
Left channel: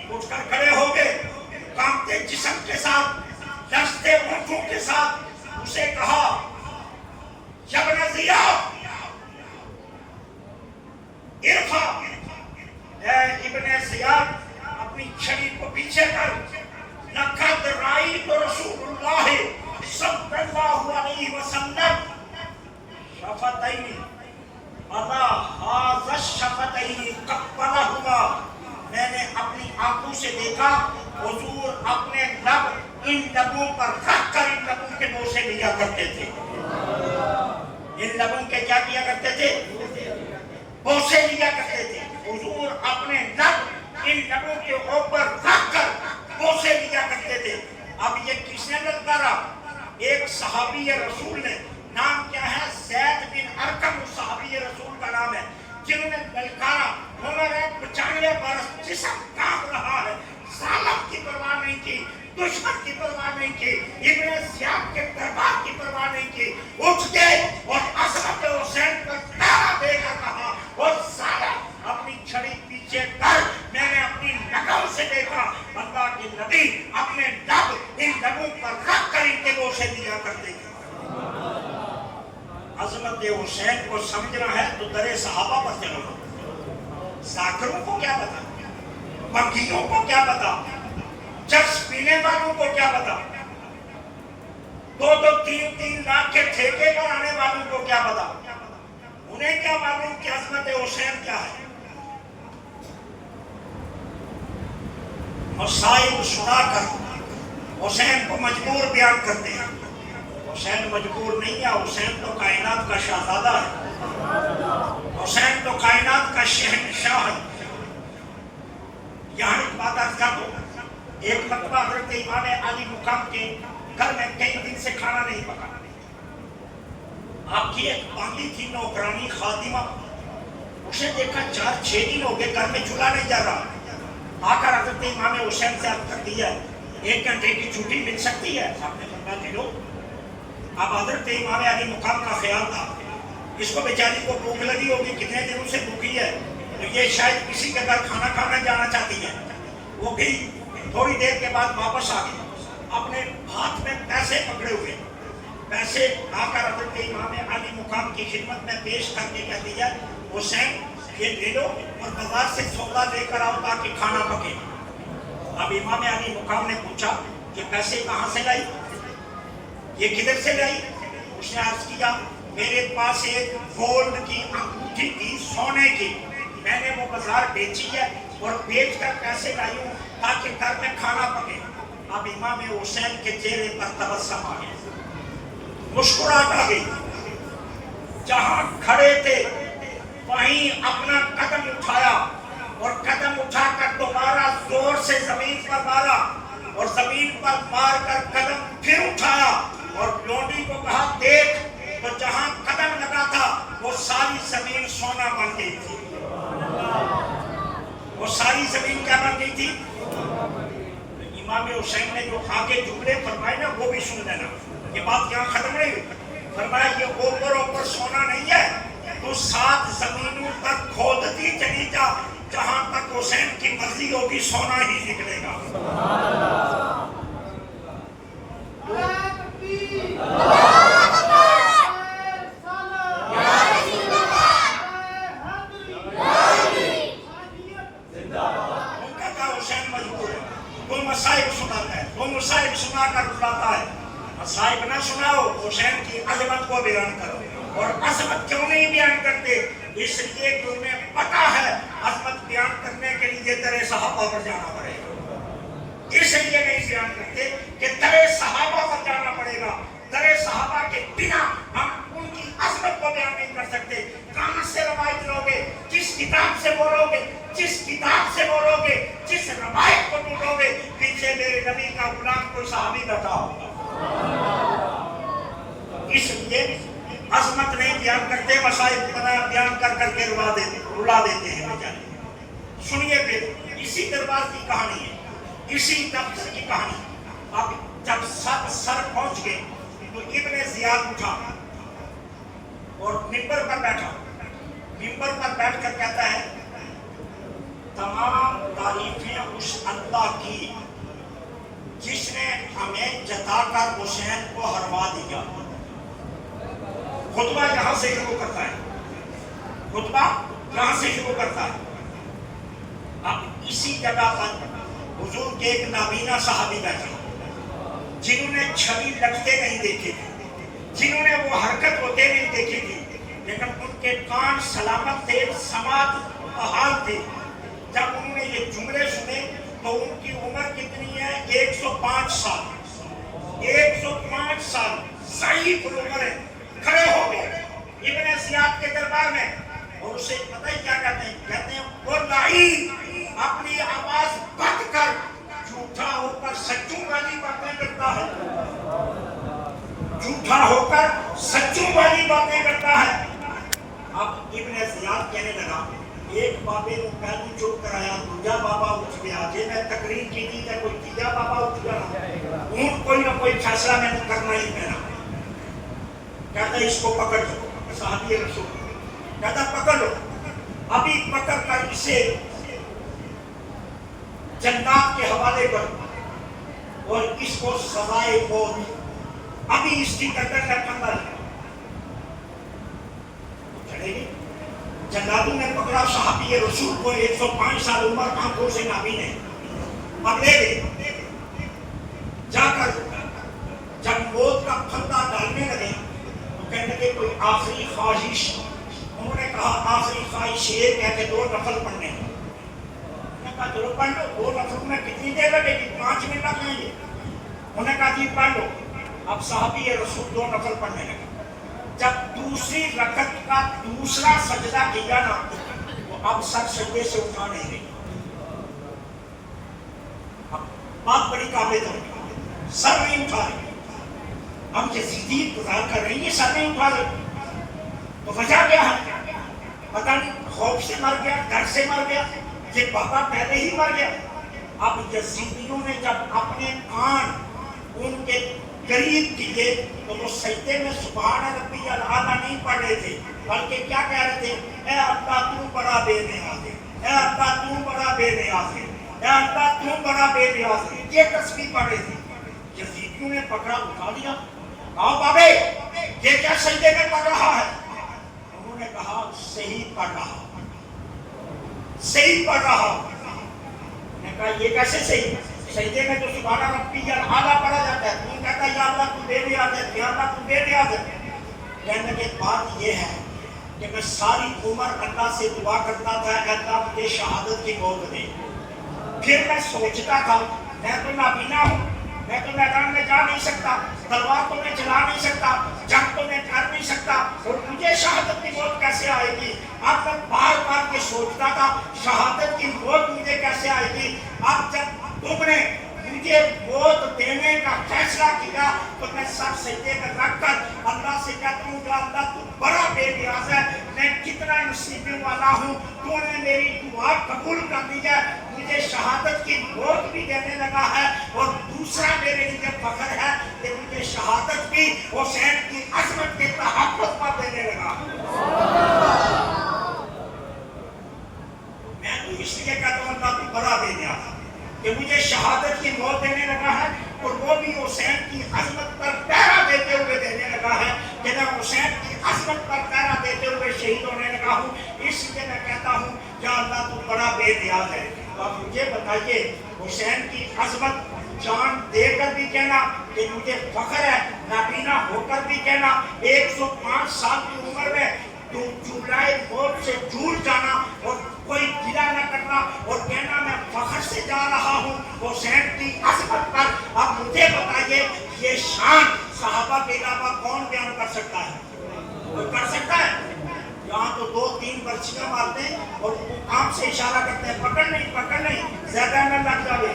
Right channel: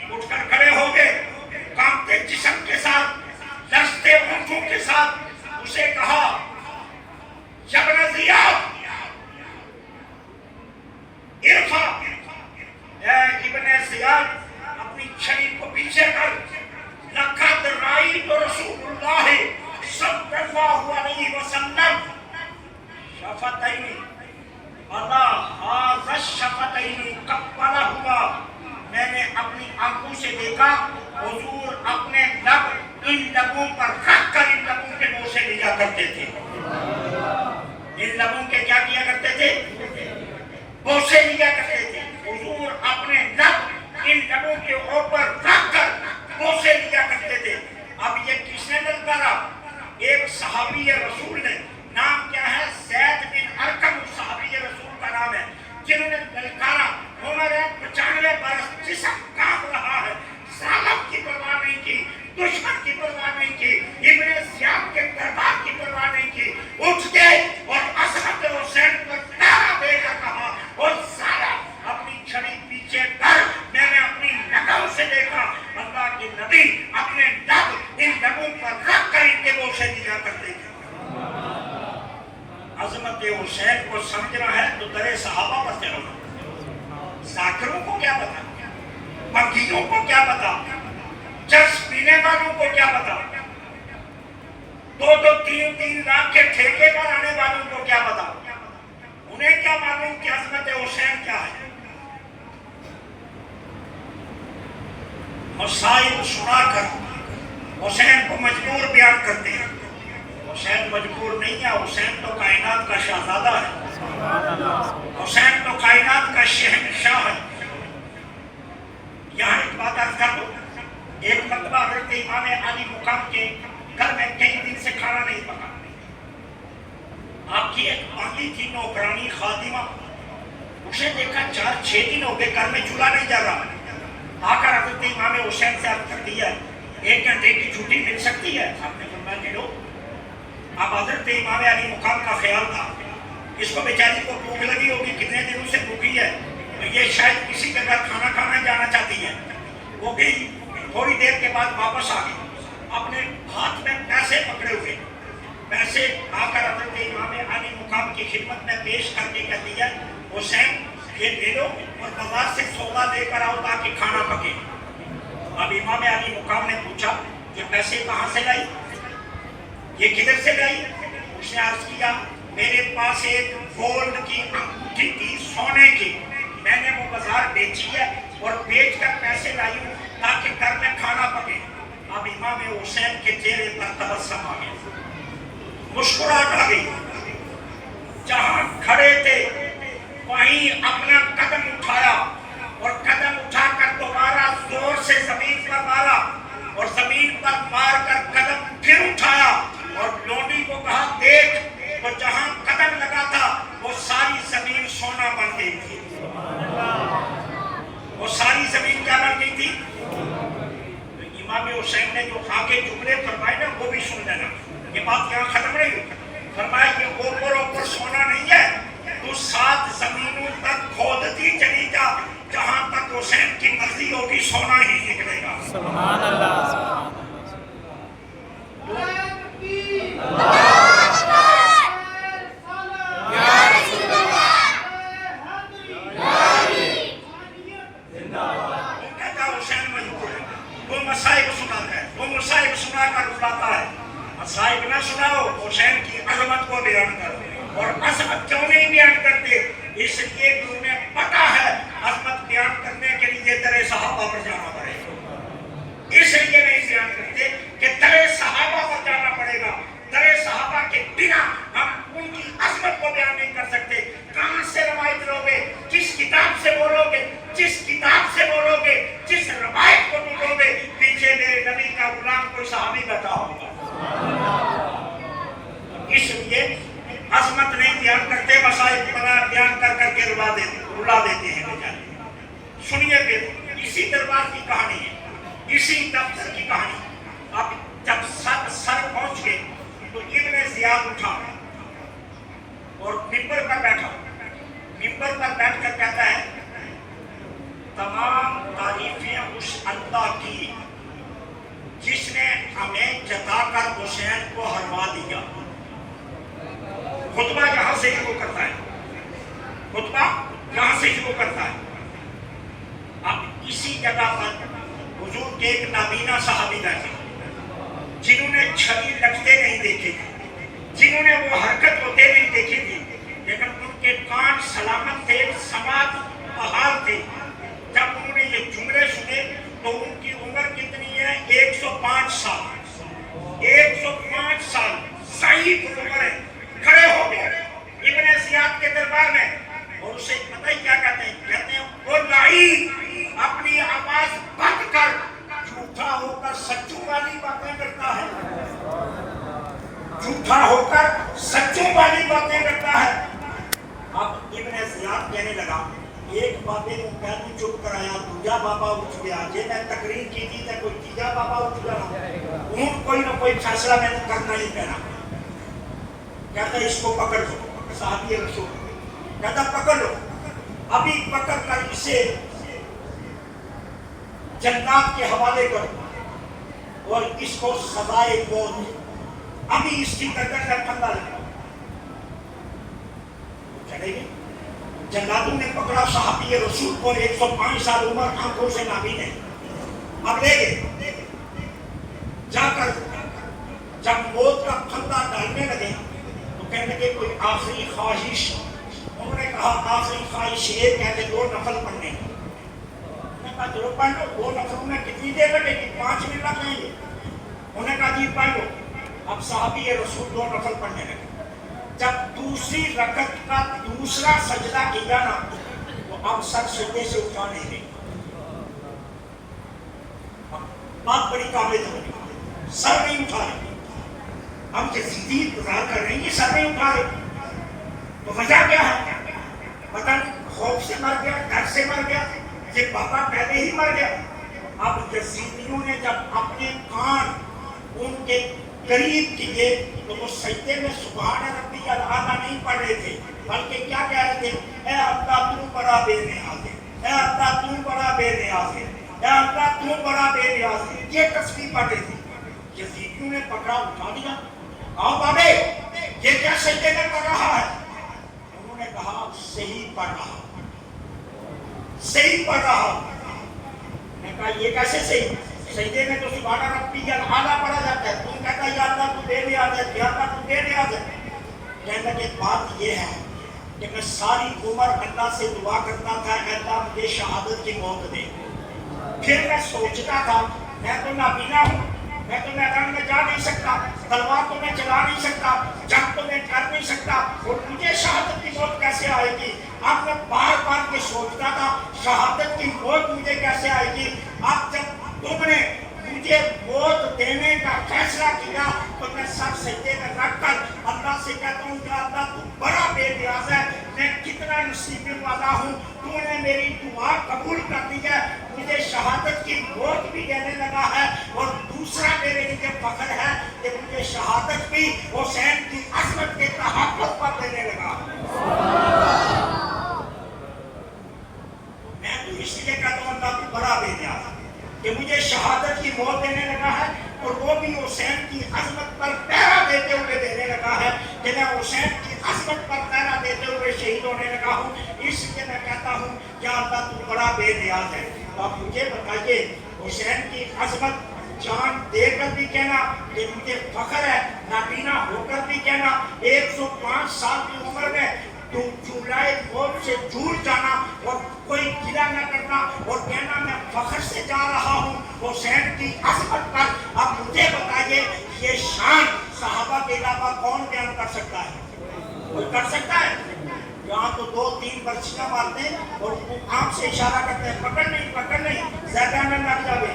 اٹھ کر کھڑے ہو گئے، کانپتے جسم کے ساتھ، لرزتے ہونٹوں کے ساتھ اسے کہا، یا ابن زیاد ارفع، اے ابن زیاد اپنی چھڑی کو پیچھے کر، لقد رأیت رسول اللہ صلی اللہ علیہ وسلم شفتین علی ھذا الشفتین قبلہما، میں نے اپنی آنکھوں سے دیکھا حضور اپنے لب ان لبوں پر رکھ کر ان لبوں کے بوسے لیا کرتے تھے۔ ان لبوں کے کیا کیا کرتے تھے؟ بوسے لیا کرتے تھے۔ حضور اپنے لب ان لبوں کے اوپر رکھ کر بوسے لیا کرتے تھے۔ اب یہ کس نے للکارا؟ ایک صحابی رسول نے، نام کیا ہے؟ زید بن ارقم صحابی رسول کا نام ہے، جنہوں نے للکارا، عمر 95 برس، جسم کانپ رہا ہے، ظالم کی پرواہ نہیں کی، دشمن کی پرواہ نہیں کی، ابن زیاد کے دربار کی پرواہ نہیں کی، اٹھ کے اور عظمت حسین پر نعرہ دے کر کہا، اور ظالم اپنی چھڑی پیچھے کر، میں نے اپنی نگاہوں سے دیکھا اللہ کے نبی اپنے لب ان لبوں پر رکھ کر ان کے بوسے دیا کرتے تھے۔ عظمت حسین کو سمجھنا ہے تو در صحابہ پر چلو۔ ذاکروں کو کیا پتا، مغیوں کو کیا پتا، چرس پینے والوں کو کیا پتا، 2-2 3-3 لاکھ کے ٹھیکے پر آنے والوں کو کیا پتا، انہیں کیا معلوم کہ عظمت حسین کیا ہے۔ مسائل سنا کر حسین کو مجبور بیان کرتے ہیں۔ حسین مجبور نہیں ہے، حسین تو کائنات کا شہزادہ ہے، حسین تو کائنات کا شہنشاہ ہے۔ یہاں ایک بات عرض کر دو، ایک مرتبہ حضرت امام علی مقام کے گھر میں کئی دن سے کھانا نہیں پکا، آپ کی ایک بانگی تھی 9 نوکرانی خادمہ، اسے دیکھا 4-6 دن ہو گئے گھر میں چولہا نہیں جا رہا، آ کر حضرت امام حسین سے عرض کر دیا 1 گھنٹے کی چھٹی مل سکتی ہے؟ آپ نے فرمایا کہ لو۔ اب حضرت امام علی مقام کا خیال تھا اس کو بیچاری کو بھوک لگی ہوگی، کتنے دنوں سے بھوکی ہے، تو یہ شاید کسی کے گھر کھانا کھانا جانا چاہتی ہے۔ وہ گئی، تھوڑی دیر کے بعد واپس آ گئی، اپنے ہاتھ میں پیسے پکڑے ہوئے، پیسے آ کر حضرت امام علی مقام کی خدمت میں پیش کر کے کہتی ہے حسین یہ لے لو اور بازار سے سودا لے کر آؤ تاکہ کھانا پکے۔ اب امام علی مقام نے پوچھا کہ پیسے کہاں سے لائی، یہ کدھر سے لائی؟ اس نے عرض کیا میرے پاس ایک گولڈ کی انگوٹھی تھی سونے کی، میں نے وہ بازار بیچی ہے اور بیچ کر پیسے لائی ہوں تاکہ گھر میں کھانا پکے۔ اب امام حسین کے چہرے پر تبسم آ گیا، مسکراہٹ آ گئی، جہاں کھڑے تھے وہیں اپنا قدم اٹھایا اور قدم اٹھا کر دوبارہ زور سے زمین پر مارا اور زمین پر مار کر قدم پھر اٹھایا اور لونڈی کو کہا دیکھ، تو جہاں قدم لگا تھا وہ ساری زمین سونا بن گئی تھی۔ وہ ساری زمین کیا بن گئی تھی؟ امام حسین نے جو آگے جملے فرمائے نا وہ بھی سن لینا، یہ بات یہاں ختم نہیں ہوئی۔ فرمایا یہ اوپر سونا نہیں ہے، تو 7 زمینوں تک کھودتی چلی جا، جہاں تک حسین کی مرضی ہوگی سونا ہی نکلے گا۔ سبحان اللہ۔ مصائب سنا کر بلاتا ہے، مصائب نہ سناؤ، حسین کی عظمت کو بیان کرو۔ اور عظمت کیوں نہیں بیان کرتے؟ اس لیے کہ انہیں پتا ہے عظمت بیان کرنے کے لیے درے صحابہ پر جانا پڑے گا، اس لیے نہیں بیان کرتے کہ درے صحابہ پر جانا پڑے گا۔ درے صحابہ کے بنا ہم ان کی عظمت کو بیان نہیں کر سکتے۔ کہاں سے روایت لو گے؟ کس کتاب سے بولو گے؟ جس کتاب سے بولو گے، جس روایت کو ڈھونڈو گے، پیچھے میرے نبی کا غلام کوئی صحابی بیٹھا ہوگا۔ اس لیے عظمت نہیں بیان کرتے، مصائب بیان کر کر کے رلا دیتے ہیں بیچارے۔ سنیے پھر اسی دربار کی کہانی ہے، اسی دفتر کی کہانی۔ اب جب سر پہنچ گئے تو ابن زیاد اٹھا اور ممبر پر بیٹھا، ممبر پر بیٹھ کر کہتا ہے تمام تعریفیں اس اللہ کی جس نے ہمیں جتا کر حسین کو ہروا دیا۔ خطبہ یہاں سے شروع کرتا ہے، خطبہ یہاں سے شروع کرتا ہے۔ اب اسی جگہ پر حضور کے ایک نابینا صحابی بیٹھے جنہوں نے چھڑی لگتے نہیں دیکھے تھے، جنہوں نے وہ حرکت ہوتے نہیں دیکھی تھی، لیکن ان کے کان سلامت تھے، سماعت بحال تھے۔ جب انہوں نے یہ جملے سنے تو ان کی عمر کتنی ہے؟ 105 سال، 105 سال، ضعیف عمر ہے۔ کھڑے ہو گئے ابن زیاد کے دربار میں اور اسے پتہ ہی کیا کہتے ہیں؟ کہتے ہیں وہ لعین اپنی آواز بند کر جھوٹا ہو کر سچوں والی باتیں کرتا ہے، جھوٹا ہو کر سچوں والی باتیں کرتا ہے۔ اب ابن زیاد کہنے لگا ایک بابے کو پہلے چوک کرایا، دوجا بابا اٹھ گیا، جی میں تقریر کی تھی تو کوئی تیجا بابا اٹھ گیا، ان کوئی نہ کوئی فیصلہ میں کرنا ہی پینا۔ کہتا ہے اس کو پکڑ لو، صحابی رسول کہتا پکڑ لو، ابھی پکڑ کر اسے جنات کے حوالے کرو اور اس کو سزائے موت، ابھی اس کی گردن کا پھندا لگا۔ چلے گی جناتوں نے پکڑا صحابی رسول کو، 105 سال عمر، آنکھوں سے نابین ہے، اب لے گئے جا کر جب موت کا پھندا ڈالنے لگے تو کہنے لگے کوئی آخری خواہش؟ انہوں نے کہا آخری خواہش یہ کہتے 2 نفل پڑھنے۔ انہوں نے کہا چلو پڑھ لو، 2 نفل میں کتنی دیر لگے گی؟ 5 منٹ لگ جائیں گے۔ انہوں نے کہا جی پڑھ لو۔ اب صحابی رسول 2 نفل پڑھنے لگے۔ جب دوسری رکعت کا دوسرا سجدہ کیا نا تو اب سر سجدے سے اٹھا نہیں رہی۔ بات بڑی قابل توجہ، سر نہیں اٹھا رہے، ہم یزیدی انتظار کر رہے ہیں، یہ سر نہیں اٹھا رہے۔ وجہ کیا ہے؟ پتہ نہیں خوف سے مر گیا، ڈر سے مر گیا، یہ بابا پہلے ہی مر گیا۔ اب یزیدیوں نے جب اپنے کان ان کے قریب کیے تو وہ سجدے میں سبحان ربی الاعلیٰ نہیں پڑھ رہے تھے، بلکہ کیا کہہ رہے تھے؟ اے اللہ تو بڑا بے نیاز ہے، اے اللہ تو بڑا بے نیاز ہے، اے اللہ تو بڑا بے نیاز ہے، یہ تسبیح پڑھ رہے تھے۔ یزیدیوں نے پکڑا، اٹھا لیا، آؤ بابے یہ کیا سجدے میں پڑھ رہا ہے؟ انہوں نے کہا صحیح پڑھ رہا، صحیح پڑھ رہا۔ میں نے کہا یہ کیسے صحیح؟ سجدے میں تو سبحان ربی الاعلیٰ پڑھا جاتا ہے، تم کہتا ہے یا اللہ تو بے نیاز ہے، یا اللہ تو بے نیاز ہے۔ کہنے لگے بات یہ ہے کہ میں ساری عمر اللہ سے دعا کرتا تھا کہ اللہ مجھے شہادت کی موت دے۔ پھر میں سوچتا تھا میں تو نابینا ہوں، میں تو میدان میں جا نہیں سکتا، تلوار تو میں چلا نہیں سکتا، جنگ تو میں کر نہیں سکتا، اور مجھے شہادت کی موت کیسے آئے گی؟ اب میں بار بار یہ سوچتا تھا شہادت کی موت مجھے کیسے آئے گی؟ اب جب تم نے مجھے موت دینے کا فیصلہ کیا تو میں سر سجدے میں رکھ کر اللہ سے کہتا ہوں کہ اللہ تو بڑا بے نیاز ہے، میں کتنا نصیبی والا ہوں، تو نے میری دعا قبول کر دی ہے، مجھے شہادت کی موت بھی دینے لگا ہے، اور دوسرا میرے لیے فخر ہے کہ مجھے شہادت بھی حسین کی عظمت کے تحفظ پر دینے لگا۔ میں تو اس لیے کہتا ہوں اللہ تو بڑا بے نیاز ہے کہ مجھے شہادت کی موت دینے لگا ہے، اور وہ بھی حسین کی عظمت پر پہرا دیتے ہوئے دینے لگا ہے کہ میں حسین کی عظمت پر پہرا دیتے ہوئے شہید ہونے لگا ہوں۔ اس لیے میں کہتا ہوں یا اللہ تو بڑا بے نیاز ہے۔ اور مجھے بتائیے حسین کی عظمت جان دے کر بھی کہنا کہ مجھے فخر ہے، نابینا ہو کر بھی کہنا، 105 سال کی عمر میں چولہائے موت سے دور جانا اور کوئی گلا نہ کرنا اور کہنا میں فخر سے جا رہا ہوں حسین کی عظمت پر۔ اب مجھے بتائیے یہ شان صحابہ کے علاوہ کون بیان کر سکتا ہے؟ کوئی کر سکتا ہے؟ یہاں تو 2-3 برچیاں مارتے ہیں اور آنکھ سے اشارہ کرتے ہیں پکڑ نہیں پکڑ نہیں، زیادہ نہ لگ جاوے،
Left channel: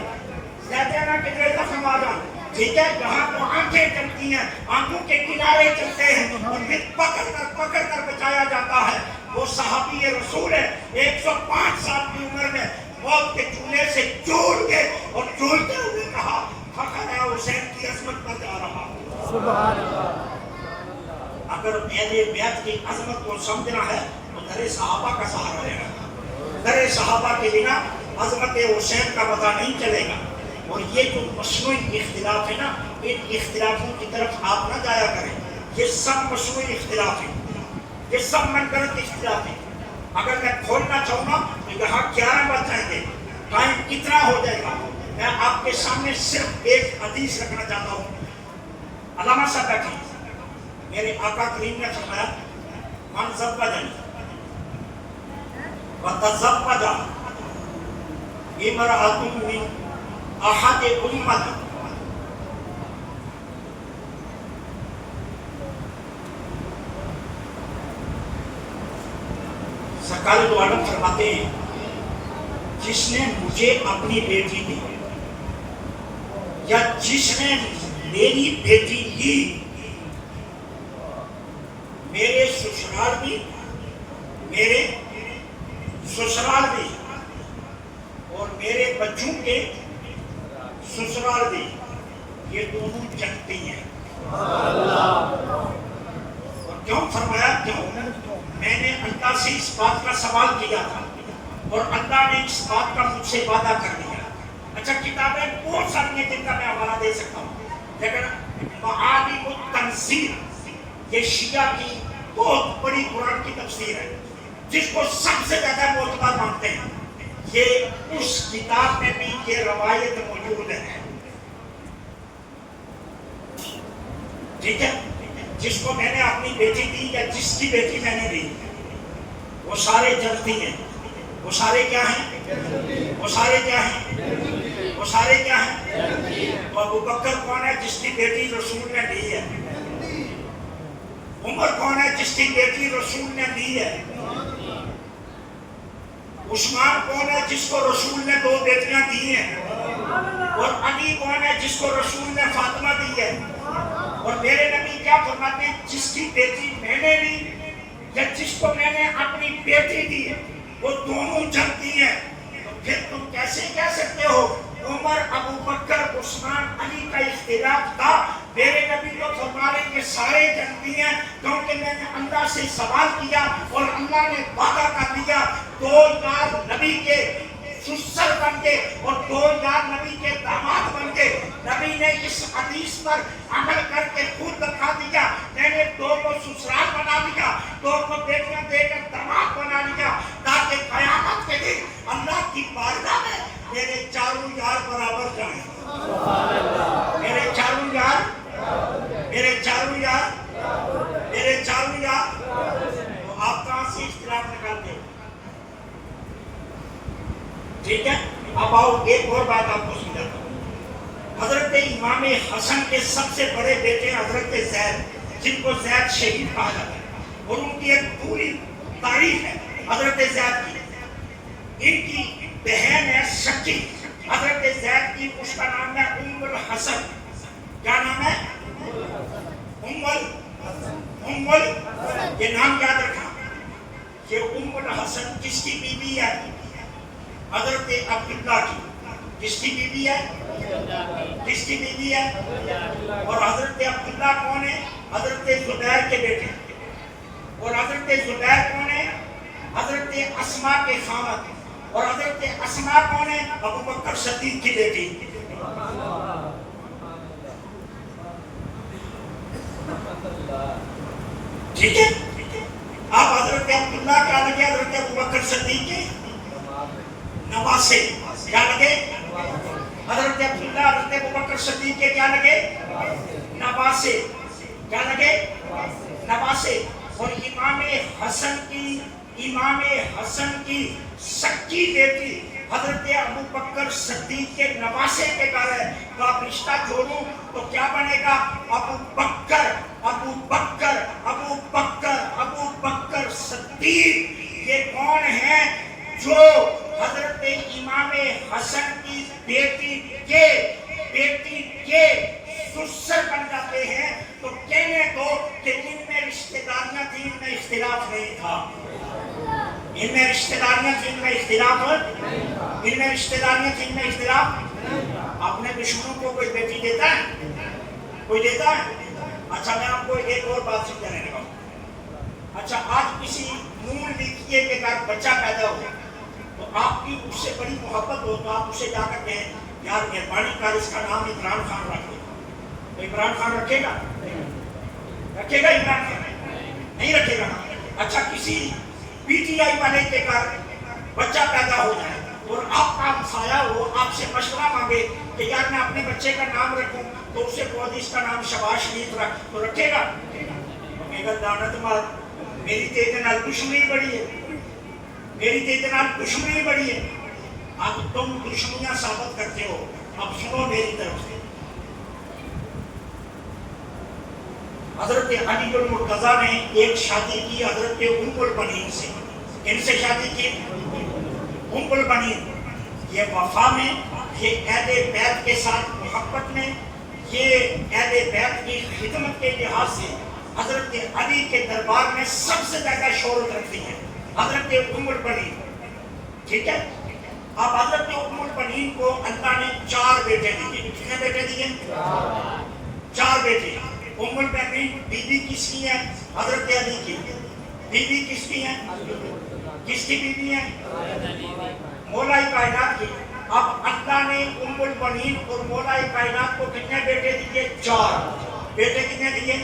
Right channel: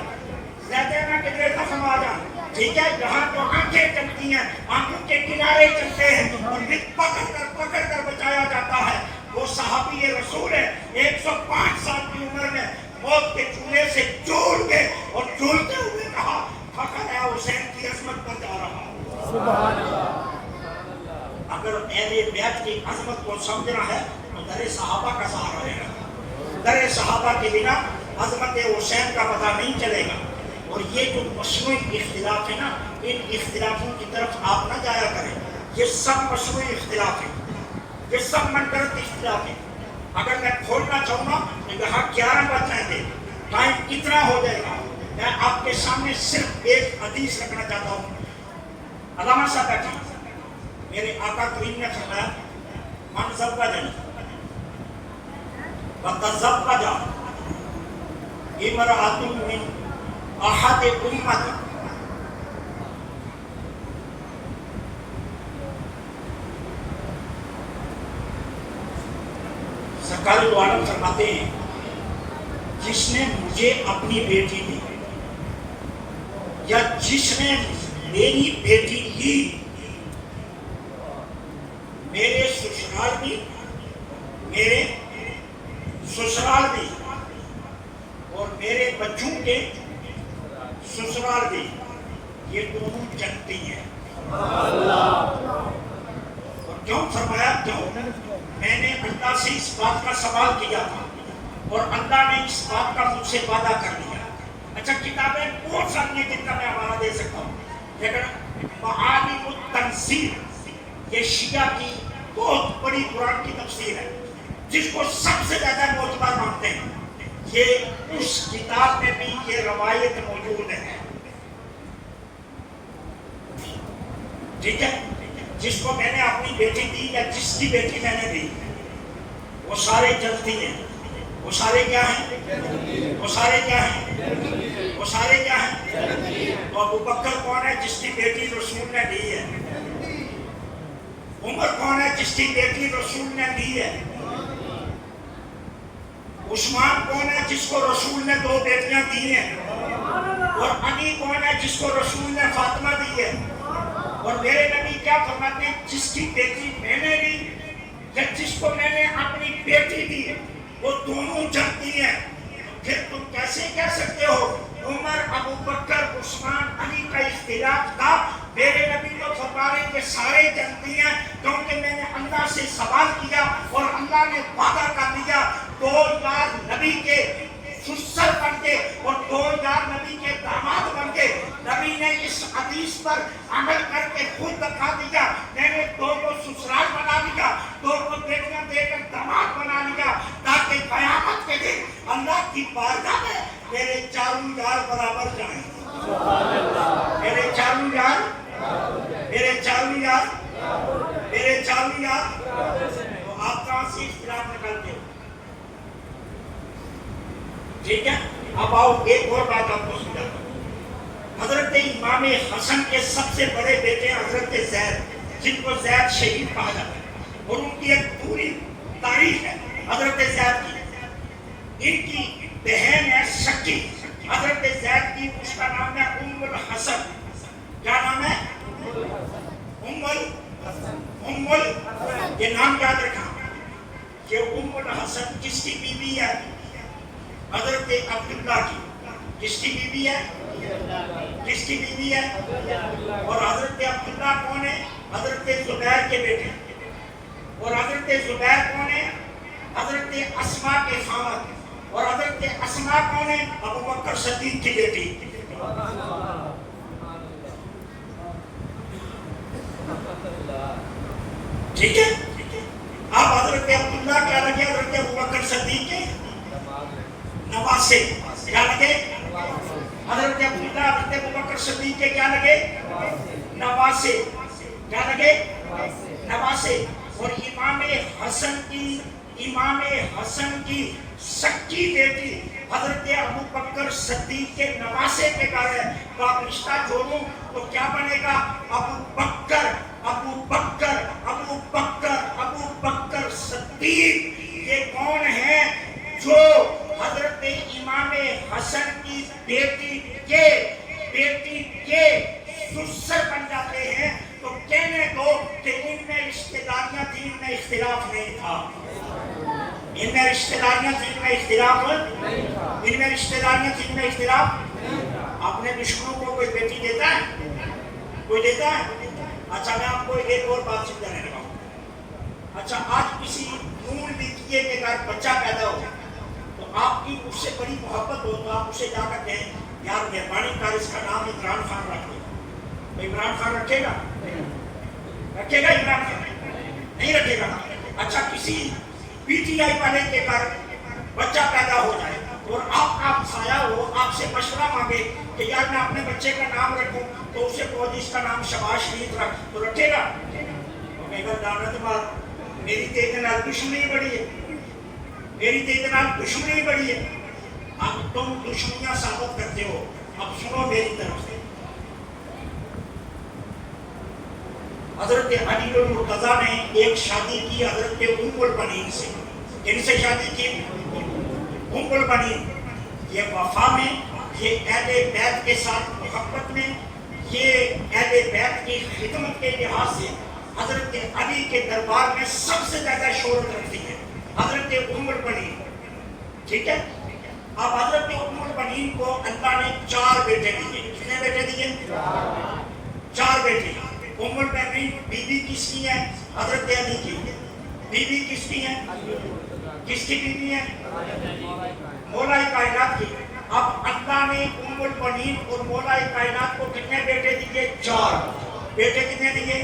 زیادہ نہ کدھر زخم آ جائیں، ٹھیک ہے؟ یہاں تو آنکھیں چلتی ہیں، آنکھوں کے کنارے چلتے ہیں، اور پھر پکڑ کر بچایا جاتا ہے۔ وہ صحابی رسول ہے، 105 سال کی عمر میں موت کے چولہے سے جھول گئے اور جھولتے ہوئے کہا فخر ہے حسین کی عظمت پر جا رہا ہوں۔ سبحان اللہ۔ اگر اہل بیت کی عظمت کو سمجھنا ہے تو در صحابہ کا سہارا لینا، در صحابہ کے بنا عظمت حسین کا پتہ نہیں چلے گا۔ اور یہ جو مصنوعی اختلاف ہے نا، ان اختلافوں کی طرف آپ نہ جایا کریں، یہ سب مصنوعی اختلاف ہیں، یہ سب منفرد اختلاف ہیں۔ اگر میں کھولنا چاہوں نا تو یہاں 11 بج جائیں گے، ٹائم کتنا ہو جائے گا۔ میں آپ کے سامنے صرف ایک حدیث رکھنا چاہتا ہوں۔ علامہ صاحب بیٹھے، میرے آقا کریم نے فرمایا من زوجنی وتزوج امرأة من احد امتی، سرکار دو عالم فرماتے ہیں جس نے مجھے اپنی بیٹی دی یا جس نے میری بیٹی لی، میرے سسرال بھی، میرے سسرال بھی اور میرے بچوں کے سسرال بھی، یہ دونوں جنتی ہیں۔ اور کیوں فرمایا؟ کیوں؟ میں نے اللہ سے اس بات کا سوال کیا تھا اور اللہ نے اس بات کا مجھ سے وعدہ کر دیا۔ اچھا کتابیں بہت ساری ہیں جن کا میں حوالہ دے سکتا ہوں، لیکن معالم التنزیل یہ شیعہ کی بہت بڑی قرآن کی تفسیر ہے جس کو سب سے زیادہ معتبر مانتے ہیں، یہ اس کتاب میں بھی یہ روایت موجود ہے، ٹھیک ہے؟ جس کو میں نے اپنی بیٹی دی یا جس کی بیٹی میں نے دی، وہ سارے جنتی ہیں۔ وہ سارے کیا ہیں؟ وہ سارے کیا ہیں؟ وہ سارے کیا ہیں؟ وہ ابو بکر کون ہے جس کی بیٹی رسول نے دی ہے؟ عمر کون ہے جس کی بیٹی رسول نے دی ہے؟ عثمان کون ہے جس کو رسول نے 2 بیٹیاں دی ہیں؟ اور علی کون ہے جس کو رسول نے فاطمہ دی ہے؟ اور میرے نبی کیا فرماتے ہیں؟ جس کی بیٹی میں نے لی کہ جس کو میں نے اپنی بیٹی دی وہ دونوں جنتی ہیں، پھر تم کیسے کہہ سکتے ہو عمر ابو بکر عثمان علی کا اختلاف تھا؟ میرے نبی تو فرما رہے کہ سارے جنتی ہیں، کیونکہ میں نے اللہ سے سوال کیا اور اللہ نے وعدہ کر دیا 2000 نبی کے سسر بن کے اور 2000 نبی کے داماد بن کے۔ نبی نے اس حدیث پر عمل کر کے خود دکھا دیا، میں نے 2 کو سسرال بنا لیا، 2 کو بیٹیاں دے کر داماد بنا لیا، تاکہ قیامت کے دن اللہ کی بارگاہ میں میرے چاروں یار برابر جائیں۔ میرے چاروں یار، میرے چاروں یار، میرے چاروں یار، تو آپ کہاں سے اختلاف نکالتے ہو؟ ٹھیک ہے، اب آؤ ایک اور بات آپ کو سمجھاتا ہوں۔ حضرت امام حسن کے سب سے بڑے بیٹے حضرت زید، جن کو زید شہید کہا جاتا ہے، اور ان کی ایک پوری تاریخ ہے حضرت زید کی۔ ان کی بہن ہے سکی حضرت زید کی، اس کا نام ہے ام الحسن۔ کیا نام ہے؟ ام یہ نام یاد رکھا کہ ام الحسن کس کی بیوی ہے؟ حضرت عبداللہ کی۔ کس کی بیوی ہے؟ کس کی بیوی ہے؟ اور حضرت عبداللہ کون ہے؟ حضرت زبیر کے بیٹے۔ اور حضرت زبیر کون ہے؟ حضرت اسماء کے خامد۔ اور حضرت اسماء کون ہے؟ ابو بکر صدیق کی بیٹی۔ ٹھیک ہے، اب حضرت عبداللہ کیا لگے؟ حضرت ابو بکر صدیق کے نواسے۔ کیا لگے؟ حضرت عبداللہ حضرت ابو بکر صدیق کے کیا لگے؟ نواسے۔ کیا لگے؟ نواسے۔ اور امام حسن کی سکی بیٹی حضرت ابو بکر صدیق کے نواسے کے گھر ہے، تو آپ رشتہ جوڑوں تو کیا بنے گا؟ ابو بکر ابو بکر ابو بکر ابو بکر صدیق۔ یہ کون ہے؟ جو حضرت امام حسن کی بیٹی کے سسر بن جاتے ہیں، تو کہنے دو کہ ان میں رشتہ داریاں تھیں، ان میں اختلاف نہیں تھا۔ ان میں رشتہ داریاں تھیں، ان میں اختلاف ان میں رشتہ داریاں تھیں، ان میں اختلاف۔ اپنے دشمنوں کو کوئی بیٹی دیتا ہے؟ کوئی دیتا ہے؟ اچھا، میں آپ کو ایک اور بات سمجھانے لگا ہوں۔ اچھا، آج کسی نون لکھیے کے گھر بچہ پیدا ہو تو آپ کی اس سے بڑی محبت ہو تو آپ اسے جا کر کہیں یار مہربانی کر اس کا نام عمران خان رکھ دے۔ عمران خان رکھے گا؟ رکھے گا عمران خان؟ نہیں رکھے گا۔ اچھا، کسی پی ٹی آئی والے کے گھر بچہ پیدا ہو جائے اور آپ کا ہمسایہ ہو، آپ سے مشورہ مانگے کہ یار میں اپنے بچے کا نام رکھوں، تو اسے بول اس کا نام شباز شریف رکھ، تو رکھے گا؟ میرا دانت مار، میری تیرے نال دشمنی بڑی ہے، میری تیرے نال دشمنی بڑی ہے۔ اب تم دشمنیاں ثابت کرتے ہو، اب سنو میری طرف سے۔ حضرت علی المرتضیٰ نے ایک شادی کی حضرت ام البنین سے۔ کن سے شادی کی؟ ام البنین۔ یہ وفا میں، یہ اہل بیت کے ساتھ محبت میں، یہ اہل بیت کی خدمت کے لحاظ سے حضرت علی کے دربار میں سب سے زیادہ شہرت رکھتی ہے حضرت ام البنین۔ ٹھیک ہے، اب حضرت ام البنین کو اللہ نے 4 بیٹے دیے۔ کتنے بیٹے دیے؟ 4 بیٹے۔ ام البنین بیوی کس کی ہے؟ حضرت علی کی۔ بیوی کس کی ہے؟ کس کی بیوی ہے؟ مولا کائنات کی۔ اب اللہ نے ام البنین اور مولا کائنات کو کتنے بیٹے دیے؟ 4 بیٹے۔ کتنے دیے؟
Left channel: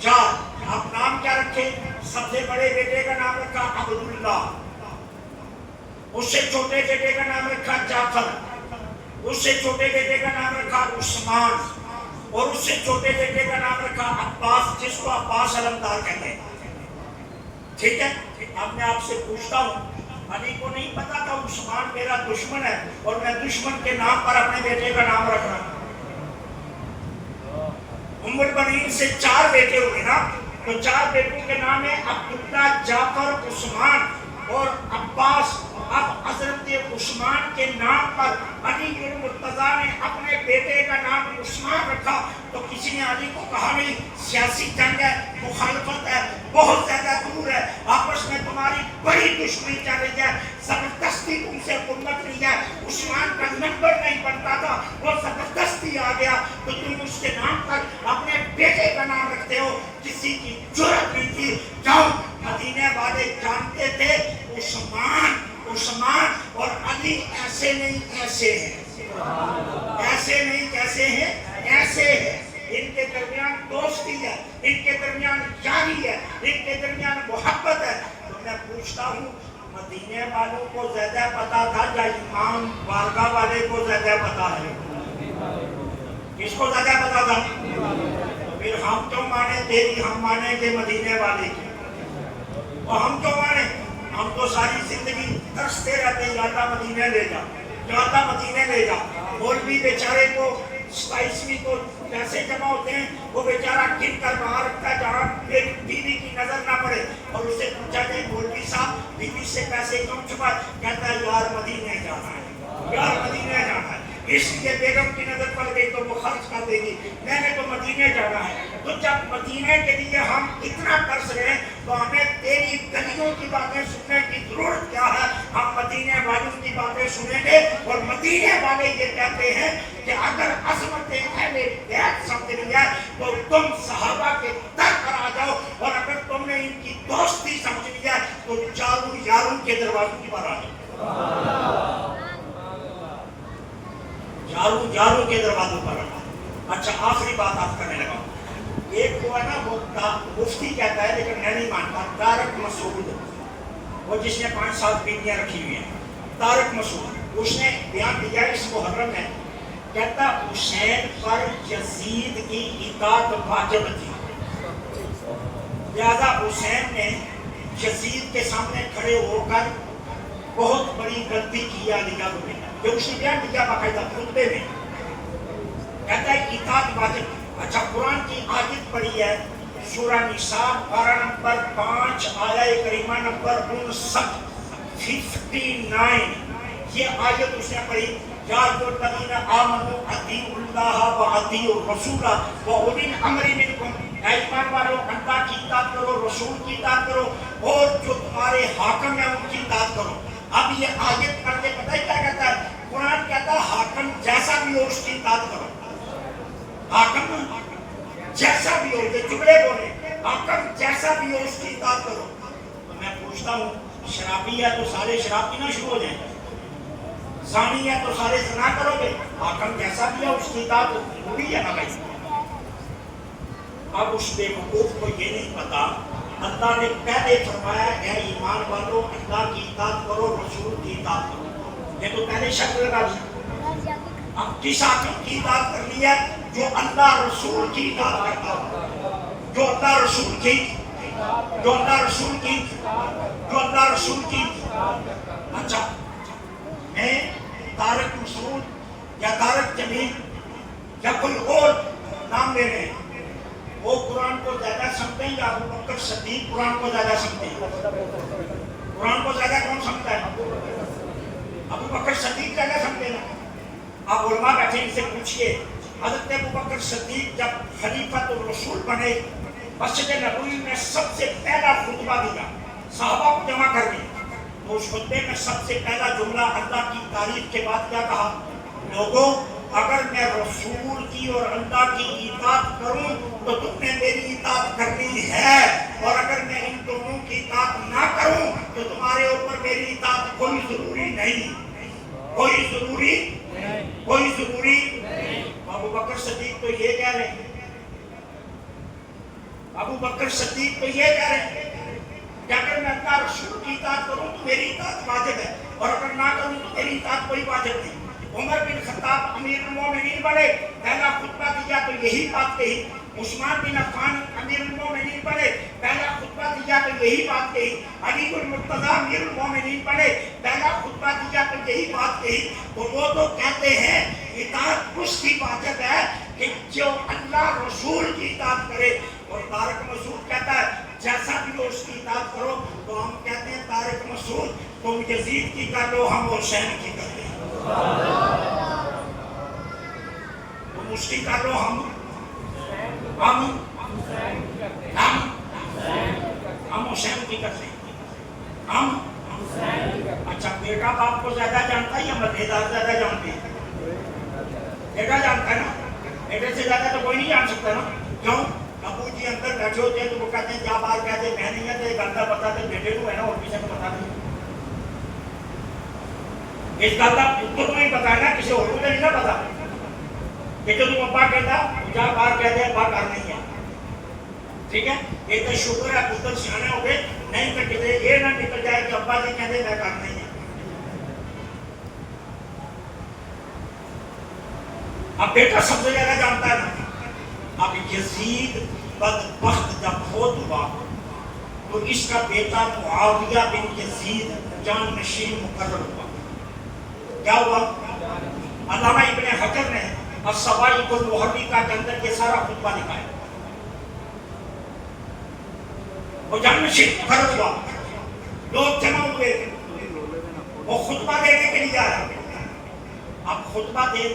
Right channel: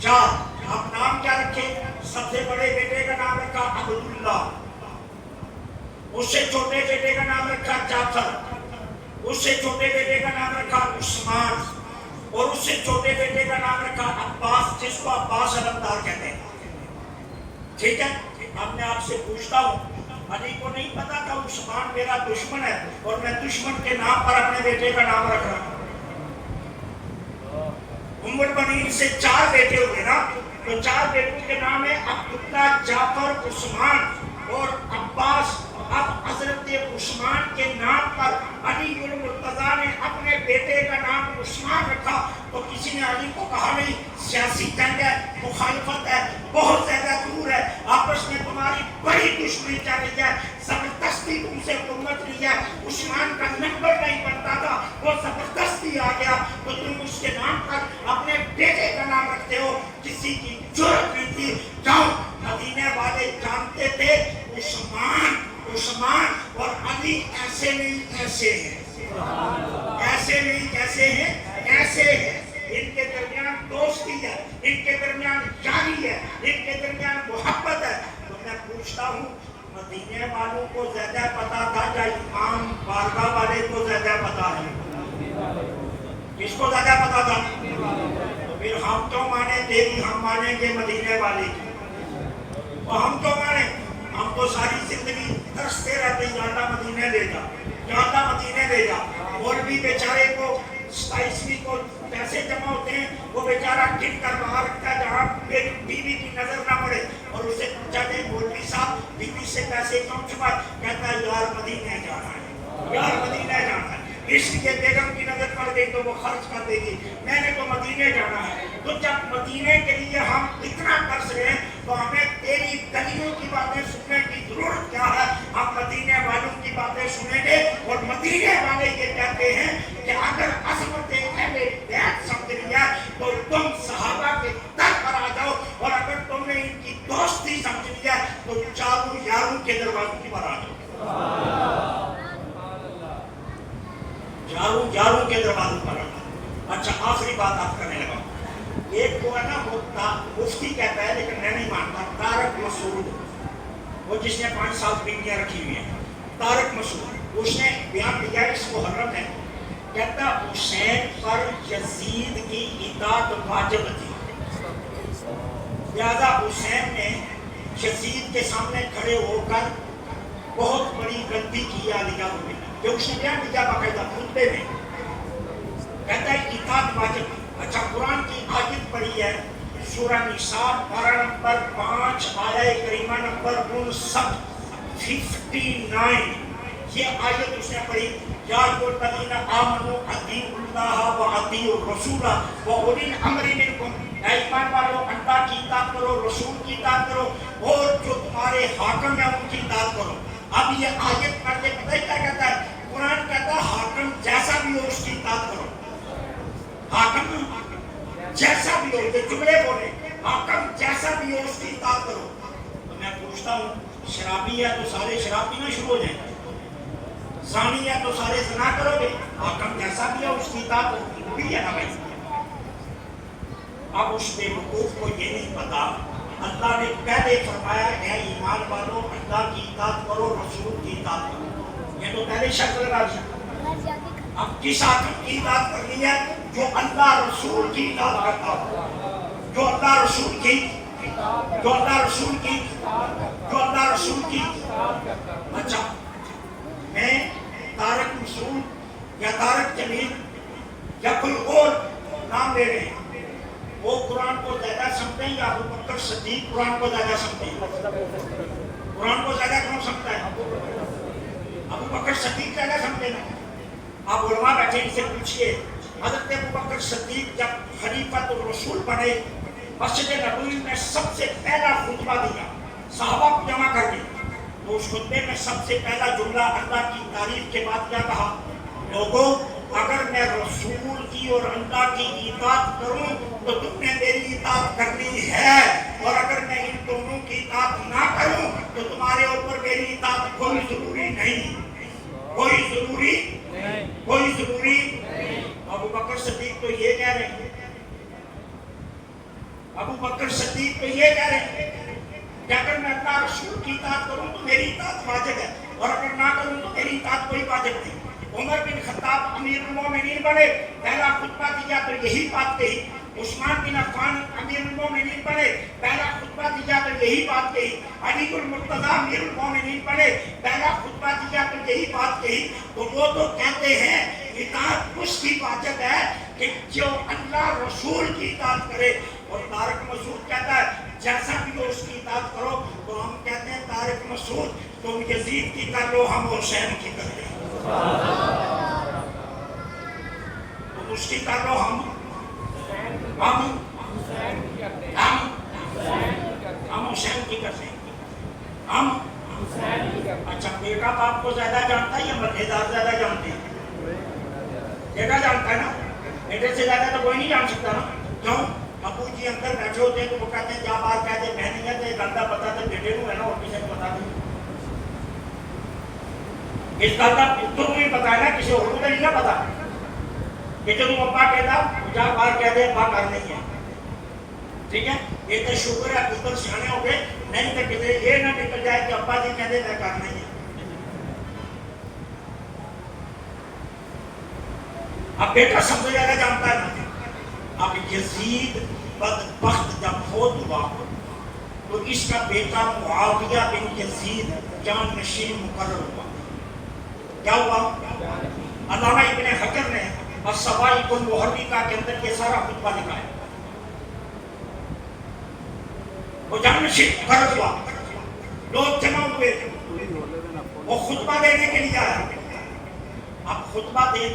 4۔ اب نام کیا رکھے؟ سب سے بڑے بیٹے کا نام رکھا عبداللہ، اس سے چھوٹے بیٹے کا نام رکھا جعفر، اس سے چھوٹے بیٹے کا نام رکھا عثمان، اور اس سے چھوٹے بیٹے کا نام رکھا عباس، جس کو عباس علمدار کہتے ہیں۔ ٹھیک ہے، اب میں آپ سے پوچھتا ہوں، علی کو نہیں پتا تھا عثمان میرا دشمن ہے اور میں دشمن کے نام پر اپنے بیٹے کا نام رکھ رہا ہوں؟ ام البنین سے 4 بیٹے ہوئے نا، تو 4 بیٹوں کے نام ہے عبداللہ، جعفر، عثمان اور عباس۔ اب حضرت عثمان کے نام پر علی المرتضیٰ نے اپنے بیٹے کا نام عثمان رکھا، تو کسی نے علی کو کہا نہیں سیاسی جنگ ہے، مخالفت ہے، بہت زیادہ دور ہے, آپس میں تمہاری بڑی دشمنی چل رہی ہے, زبردستی تم سے حکومت لی ہے. عثمان کا نمبر نہیں بنتا تھا, وہ زبردستی آ گیا, تو تم اس کے نام پر اپنے بیٹے کا نام رکھتے ہو. کسی کی جرأت نہیں تھی. جاؤ, مدینے والے جانتے تھے عثمان اور علی ایسے نہیں ایسے ہیں, ایسے نہیں کیسے ہیں, ایسے ہیں. ان کے درمیان دوستی ہے, ان کے درمیان یاری ہے, ان کے درمیان محبت ہے. تو میں پوچھتا ہوں, مدینے والوں کو زیادہ پتا تھا یا امام بارگاہ والے کو زیادہ پتا ہے؟ کس کو زیادہ پتا تھا؟ پھر ہم تو مانے تیری, ہم مانیں گے مدینے والے کی, اور ہم تو مانے, ہم تو ساری زندگی ترستے رہتے ہیں, یا مدینے لے جا, یا مدینے لے جا. اور بھی بیچارے کو 27ویں کو پیسے جمع ہوتے ہیں, وہ بیچارہ گن کر وہاں رکھتا ہے جہاں بیوی کی نظر نہ پڑے, اور اسے پوچھا کہ مولوی صاحب بیوی سے پیسے کیوں چھپائے؟ کہتا ہے یار مدینے جانا ہے, یار مدینے جانا ہے, اس لیے بیگم کی نظر پڑ گئی تو وہ خرچ کر دے گی, میں نے تو مدینے جانا ہے. تو جب مدینے کے لیے ہم اتنا ترس رہے تو ہمیں تیری گلیوں کی باتیں سننے کی ضرورت کیا ہے؟ ہم مدینے والوں کی باتیں سنیں گے, اور مدینے والے یہ کہتے ہیں کہ اگر عظمت اہل بیت سمجھ لیا تو تم صحابہ کے در پر آ جاؤ, اور اگر تم نے ان کی دوستی سمجھ لیا تو چاروں یاروں کے دروازوں پر آ جاؤ, یاروں کے دروازوں پر آ جاؤ. اچھا, آخری بات آپ کرنے لگا. ایک کو ہے نا, وہ مفتی کہتا ہے لیکن میں نہیں مانتا, طارق مسعود, وہ جس نے 5 سال بیویاں رکھی ہوئی ہیں, طارق مسعود, اس نے بیان دیا اس محرم میں, کہتا حسین پر یزید کی اطاعت واجب تھی, لہذا حسین نے یزید کے سامنے کھڑے ہو کر بہت بڑی غلطی کی علی نے, جو اس نے بیان دیا باقاعدہ خطبے میں, کہتا ہے اطاعت واجب تھی. اچھا, قرآن کی آیت پڑھی ہے سورہ نساء پارہ نمبر 5 آیہ کریمہ نمبر 59. یہ آیت اس نے پڑھی, یا الذین آمنوا اطیعوا اللہ واطیعوا الرسول واولی الامر منکم, اے ایمان والو اللہ کی اطاعت کرو, رسول کی اطاعت کرو, اور جو تمہارے حاکم ہیں ان کی اطاعت کرو. اب یہ آیت پڑھتے پتہ کیا کہتا ہے؟ قرآن کہتا ہے حاکم جیسا بھی ہو اس کی اطاعت کرو, حاکم جیسا بھی ہو, یہ جملے بولے, حاکم جیسا بھی ہو اس کی اطاعت کرو. تو میں پوچھتا ہوں, شرابی ہے تو سارے شراب پینا شروع ہو جائیں, زانی ہے تو سارے زنا کرو گے, حاکم جیسا بھی ہے اس کی اطاعت ہوئی ہے نا بھائی. اب اس بیوقوف کو یہ نہیں پتا, اللہ نے پہلے فرمایا ہے ایمان والو اللہ کی اطاعت کرو, رسول کی اطاعت کرو, یہ تو پہلے شرط لگا دی. اب کس حاکم کی اطاعت کرنی ہے؟ جو اللہ رسول کی اطاعت کرتا ہو, جو اللہ رسول کی, جو اللہ رسول کی, جو اللہ رسول کی. اچھا, میں طارق مسعود یا طارق جمیل یا کوئی اور نام لے رہے ہیں, وہ قرآن کو زیادہ سمجھتے ہیں یا ابو بکر صدیق قرآن کو زیادہ سمجھتے ہیں؟ قرآن کو زیادہ کون سمجھتا ہے؟ ابو بکر صدیق زیادہ سمجھتے ہیں. آپ علماء بیٹھے ان سے پوچھئے, حضرت ابو بکر صدیق جب خلیفۃ الرسول بنے, مسجد نبوی میں سب سے پہلا خطبہ دیا, صحابہ کو جمع کر دیا, تو اس خطبے میں سب سے پہلا جملہ اللہ کی تعریف کے بعد کیا کہا؟ لوگوں, اگر میں رسول کی اور اللہ کی اطاعت کروں تو تم نے میری اطاعت کرنی ہے, اور اگر میں ان دونوں کی اطاعت نہ کروں تو تمہارے اوپر میری اطاعت کوئی ضروری نہیں, کوئی ضروری, کوئی ضروری. ابو بکر صدیق تو یہ کہہ رہے ہیں, ابو بکر صدیق تو یہ کہہ رہے ہیں کہ اگر میں اللہ رسول کی اطاعت کروں تو میری اطاعت واجب ہے, اور اگر نہ کروں تو میری اطاعت کوئی واجب نہیں. عمر بن خطاب امیر المومنین بنے, پہلا خطبہ دیا تو یہی بات کہی. عثمان بن عفان امیر المومنین بنے, پہلا خطبہ دیا تو یہی بات کہی. علی المرتضیٰ امیر المومنین بنے, پہلا خطبہ دیا تو یہی بات کہی. تو وہ تو کہتے ہیں اطاعت اس کی واجب ہے کہ جو اللہ رسول کی اطاعت کرے, اور طارق مسعود کہتا ہے جیسا بھی ہو اس کی اطاعت کرو. تو ہم کہتے ہیں طارق مسعود تم یزید کی کر لو, ہم حسین کی کر لیں, تم اس کی کر لو, ہم ہم حسین کی کرتے ہیں، ہم اچھا بیٹا باپ کو زیادہ جانتا ہے یا مددگار زیادہ جانتے ہیں؟ بیٹا جانتا ہے نا، بیٹے سے زیادہ تو کوئی نہیں جان سکتا نا. کیوں؟ ابو جی اندر بیٹھے ہوتے ہیں تو وہ کہتے ہیں جا باہر کہتے ہیں میں نہیں ہے تو یہ گلتا پتا تو بیٹے کو ہے نا اور کسی کو پتا نہیں. اس گل کا پتر کو نہیں پتا ہے نا، کسی اور کو نہیں نا پتا کہ جو تم ابا کہتا جا باہر کہتے ہیں ابا کر نہیں ہے. ٹھیک ہے، یہ تو شکر ہے پتر سیانے ہو گئے، نہیں تو کہتے یہ نہ نکل جائے کہ ابا جی کہتے میں کر نہیں ہے. اب بیٹا سب سے زیادہ جانتا ہے نا. اب یزید بدبخت جب فوت ہوا تو اس کا بیٹا معاویہ بن یزید جان نشین مقرر ہوا. کیا ہوا؟ علامہ ابن حجر نے الصواعق المحرقہ کے اندر یہ سارا خطبہ لکھا ہے. وہ جان نشین مقرر ہوا، لوگ جمع ہوئے، وہ خطبہ دینے کے لیے آیا. اب خطبہ دے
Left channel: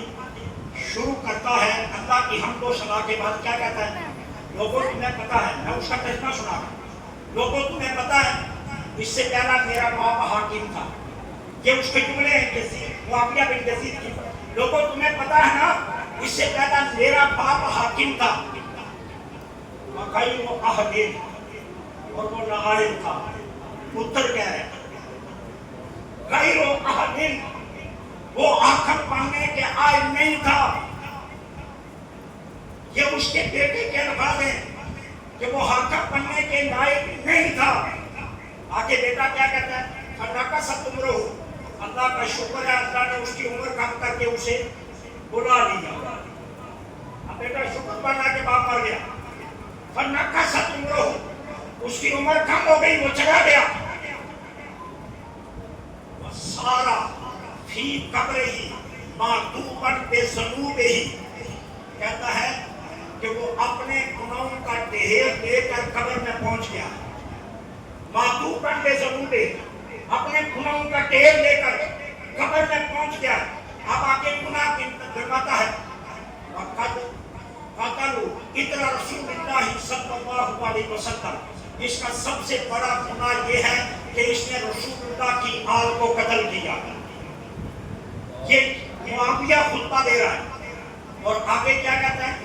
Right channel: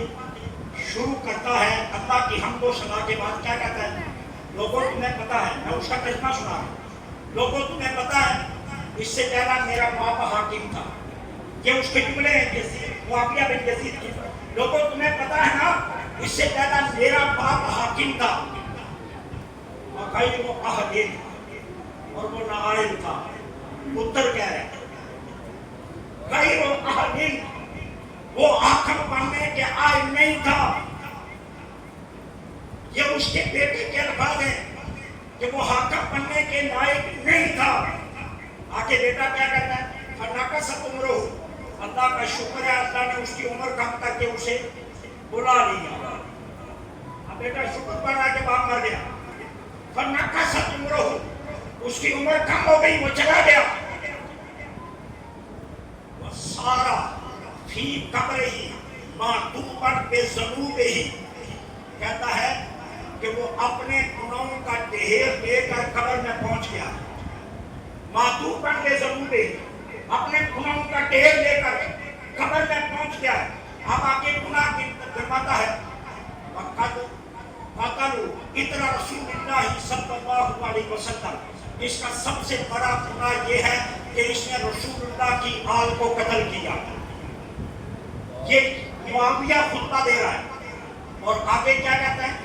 شروع کرتا ہے اللہ کی حمد و ثنا کے بعد کیا کہتا ہے؟ لوگوں تمہیں پتا ہے، میں اس کا ترجمہ سنا رہا ہوں. لوگوں تمہیں پتا ہے اس سے پہلا میرا باپ حاکم تھا. یہ اس کے جملے ہیں معاویہ بن یزید کی. لوگوں تمہیں پتا ہے نا اس سے پہلا میرا باپ حاکم تھا. وَخَيْرُ أَهْلٍ، اور وہ نائب تھا. پتر کہہ رہے ہیں غیر أَهْلٍ، وہ حاکم بننے کے آئے نہیں تھا. یہ اس کے بیٹے کے الفاظ ہیں کہ وہ حاکم بننے کے لائق نہیں تھا. آگے بیٹا کیا کہتا ہے؟ فَنَقَصَتْ عُمْرُهُ، اللہ کا شکر ہے اللہ نے اس کی عمر کم کر کے اسے بلا لیا. اب بیٹا شکر بنا کے باپ مر گیا. فَنَقَصَتْ عُمْرُهُ، اس کی عمر کم ہو گئی، وہ چلا گیا. سارا فی قبرہ معطوفاً بذنوبہ، کہتا ہے کہ وہ اپنے گناہوں کا ڈھیر لے کر قبر میں پہنچ گیا. معطوفاً بذنوبہ، اپنے گناہوں کا ڈھیر لے کر قبر میں پہنچ گیا. اب آگے گناہ گنواتا ہے. وَقَدْ قَتَلُوا اِطْرَ رسول اللہ صلی اللہ علیہ وسلم، اس کا سب سے بڑا گناہ یہ ہے کہ اس نے رسول اللہ کی آل کو قتل کیا. یہ معاویہ خطبہ دے رہا ہے اور آگے کیا کہتے ہیں؟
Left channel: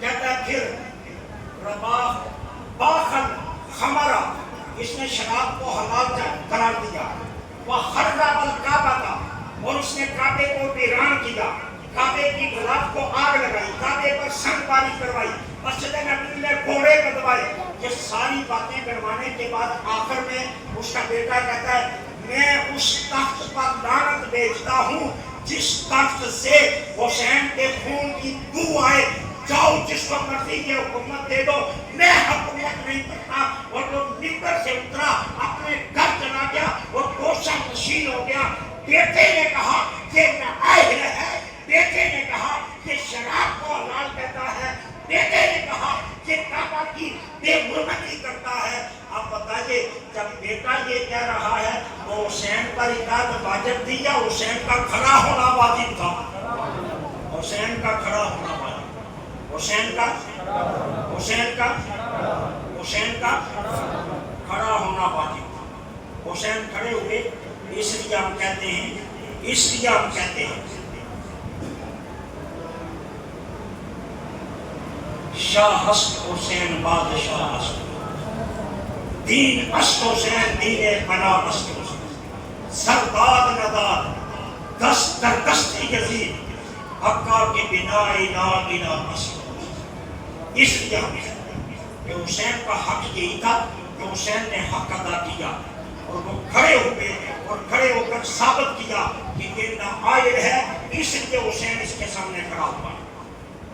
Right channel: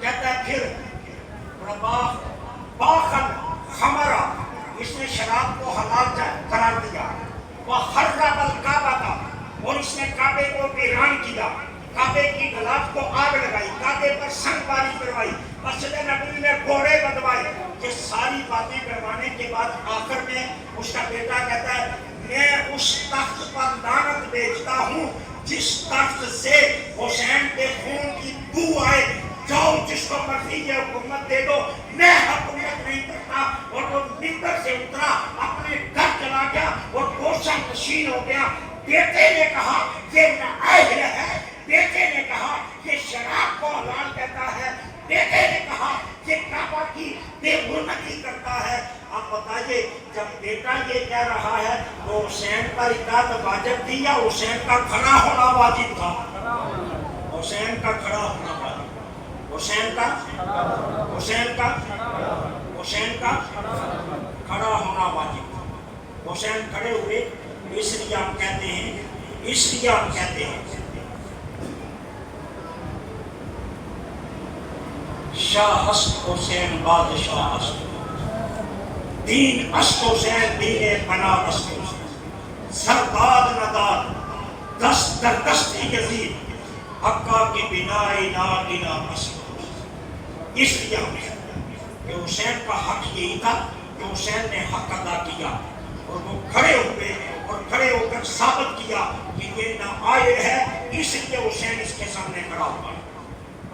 کہتا ہے پھر باخل خمرہ، اس نے شراب کو حلال قرار دیا. وَخَرَّبَ الْكَعْبَةَ، اور اس نے کعبے کو ویران کیا، کعبے کی غلاف کو آگ لگائی، کعبے پر سنگ باری کروائی، مسجد نبوی میں کوڑے بدوائے. یہ ساری باتیں کروانے کے بعد آخر میں اس کا بیٹا کہتا ہے میں اس تخت پر لعنت بھیجتا ہوں جس تخت سے حسین کے خون کی بو آئے. جاؤ جس کو مرضی یہ حکومت دے دو، میں حکومت نہیں کرتا. اور وہ ممبر سے اترا، اپنے گھر چلا گیا اور گوشہ نشین ہو گیا. بیٹے نے کہا یہ نااہل ہے، بیٹے نے کہا یہ شراب کو حلال کہتا ہے، بیٹے نے کہا یہ کعبہ کی بے حرمتی کرتا ہے. اب بتائیے جب بیٹا یہ کہہ رہا ہے وہ حسین کا اطاعت واجب تھی یا حسین کا کھڑا ہونا واجب تھا؟ حسین کا کھڑا ہونا واجب. حسین کا کھڑا ہونا واجب تھا. حسین کھڑے ہوئے، اس لیے ہم کہتے ہیں شاہ ہست حسین بادشاہ ہست، دین است حسین دین بنا است حسین، سرداد نداد دست در دست یزید، حقا کی بنائی ناگنا است. اس لیے کہ حسین کا حق یہی تھا کہ حسین نے حق ادا کیا اور وہ کھڑے ہوئے اور کھڑے ہو کر ثابت کیا کہ یہ نااہل ہے، اس لیے حسین اس کے سامنے کھڑا ہوا.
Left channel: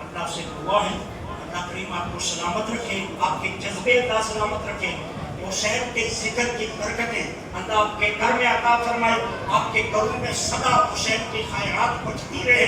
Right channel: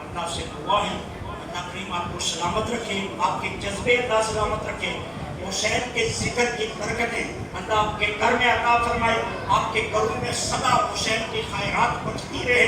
اللہ سے دعا ہے اللہ کریم آپ کو سلامت رکھے، آپ کے جذبے اللہ سلامت رکھے. حسین کے ذکر کی برکتیں اللہ آپ کے گھر میں عطا فرمائے. آپ کے گھروں میں سدا حسین کی خیرات بچتی رہے.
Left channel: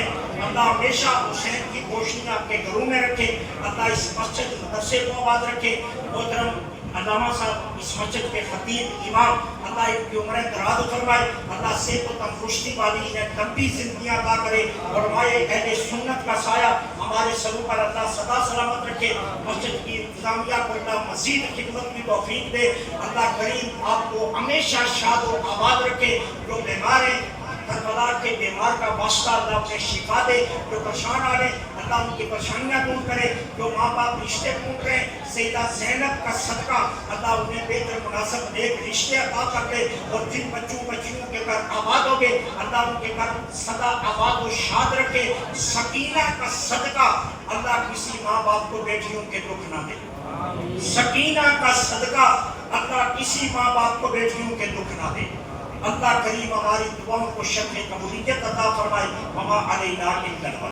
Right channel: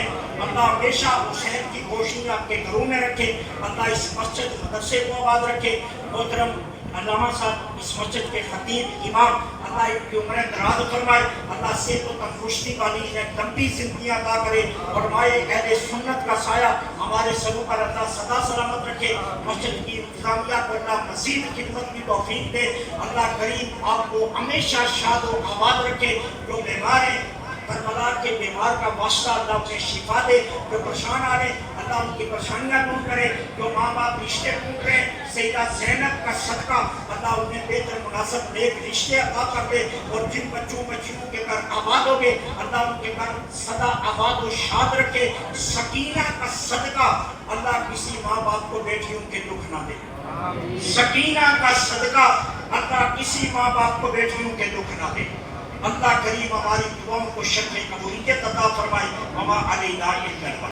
اللہ ہمیشہ حسین کی روشنی آپ کے گھروں میں رکھے. اللہ اس مسجد مدرسے کو آباد رکھے. محترم علامہ صاحب اس مسجد کے خطیب امام اللہ ان کی عمریں دراز فرمائے، اللہ صحت و تندرستی والی انہیں لمبی زندگیاں عطا کرے، اور مائے اہل سنت کا سایہ ہمارے سروں پر اللہ سدا سلامت رکھے، مسجد کی انتظامیہ کو اللہ مزید خدمت کی توفیق دے، اللہ کریم آپ کو ہمیشہ شاد و آباد رکھے، جو بیمار ہیں کربلا کے بیمار کا واسطہ اللہ انہیں شفا دے، جو پریشان آ رہے اللہ ان کی پریشانیاں دور کرے، جو ماں باپ رشتے ٹوٹ رہے سیدہ زینب کا صدقہ اللہ انہیں بہتر مناسب نیک رشتے عطا کر دے، اور جن بچوں بچیوں کے گھر آباد ہو گئے اللہ ان کے گھر سدا آباد و شاد رکھے، سکینہ کا صدقہ اللہ کسی ماں باپ کو بیٹیوں کے دکھ نہ دے، سکینہ کا صدقہ اللہ کسی ماں باپ کو بیٹیوں کے دکھ نہ دے، اللہ کریم ہماری دعاؤں کو شرف قبولیت عطا فرمائے، وما علینا الا البلاغ۔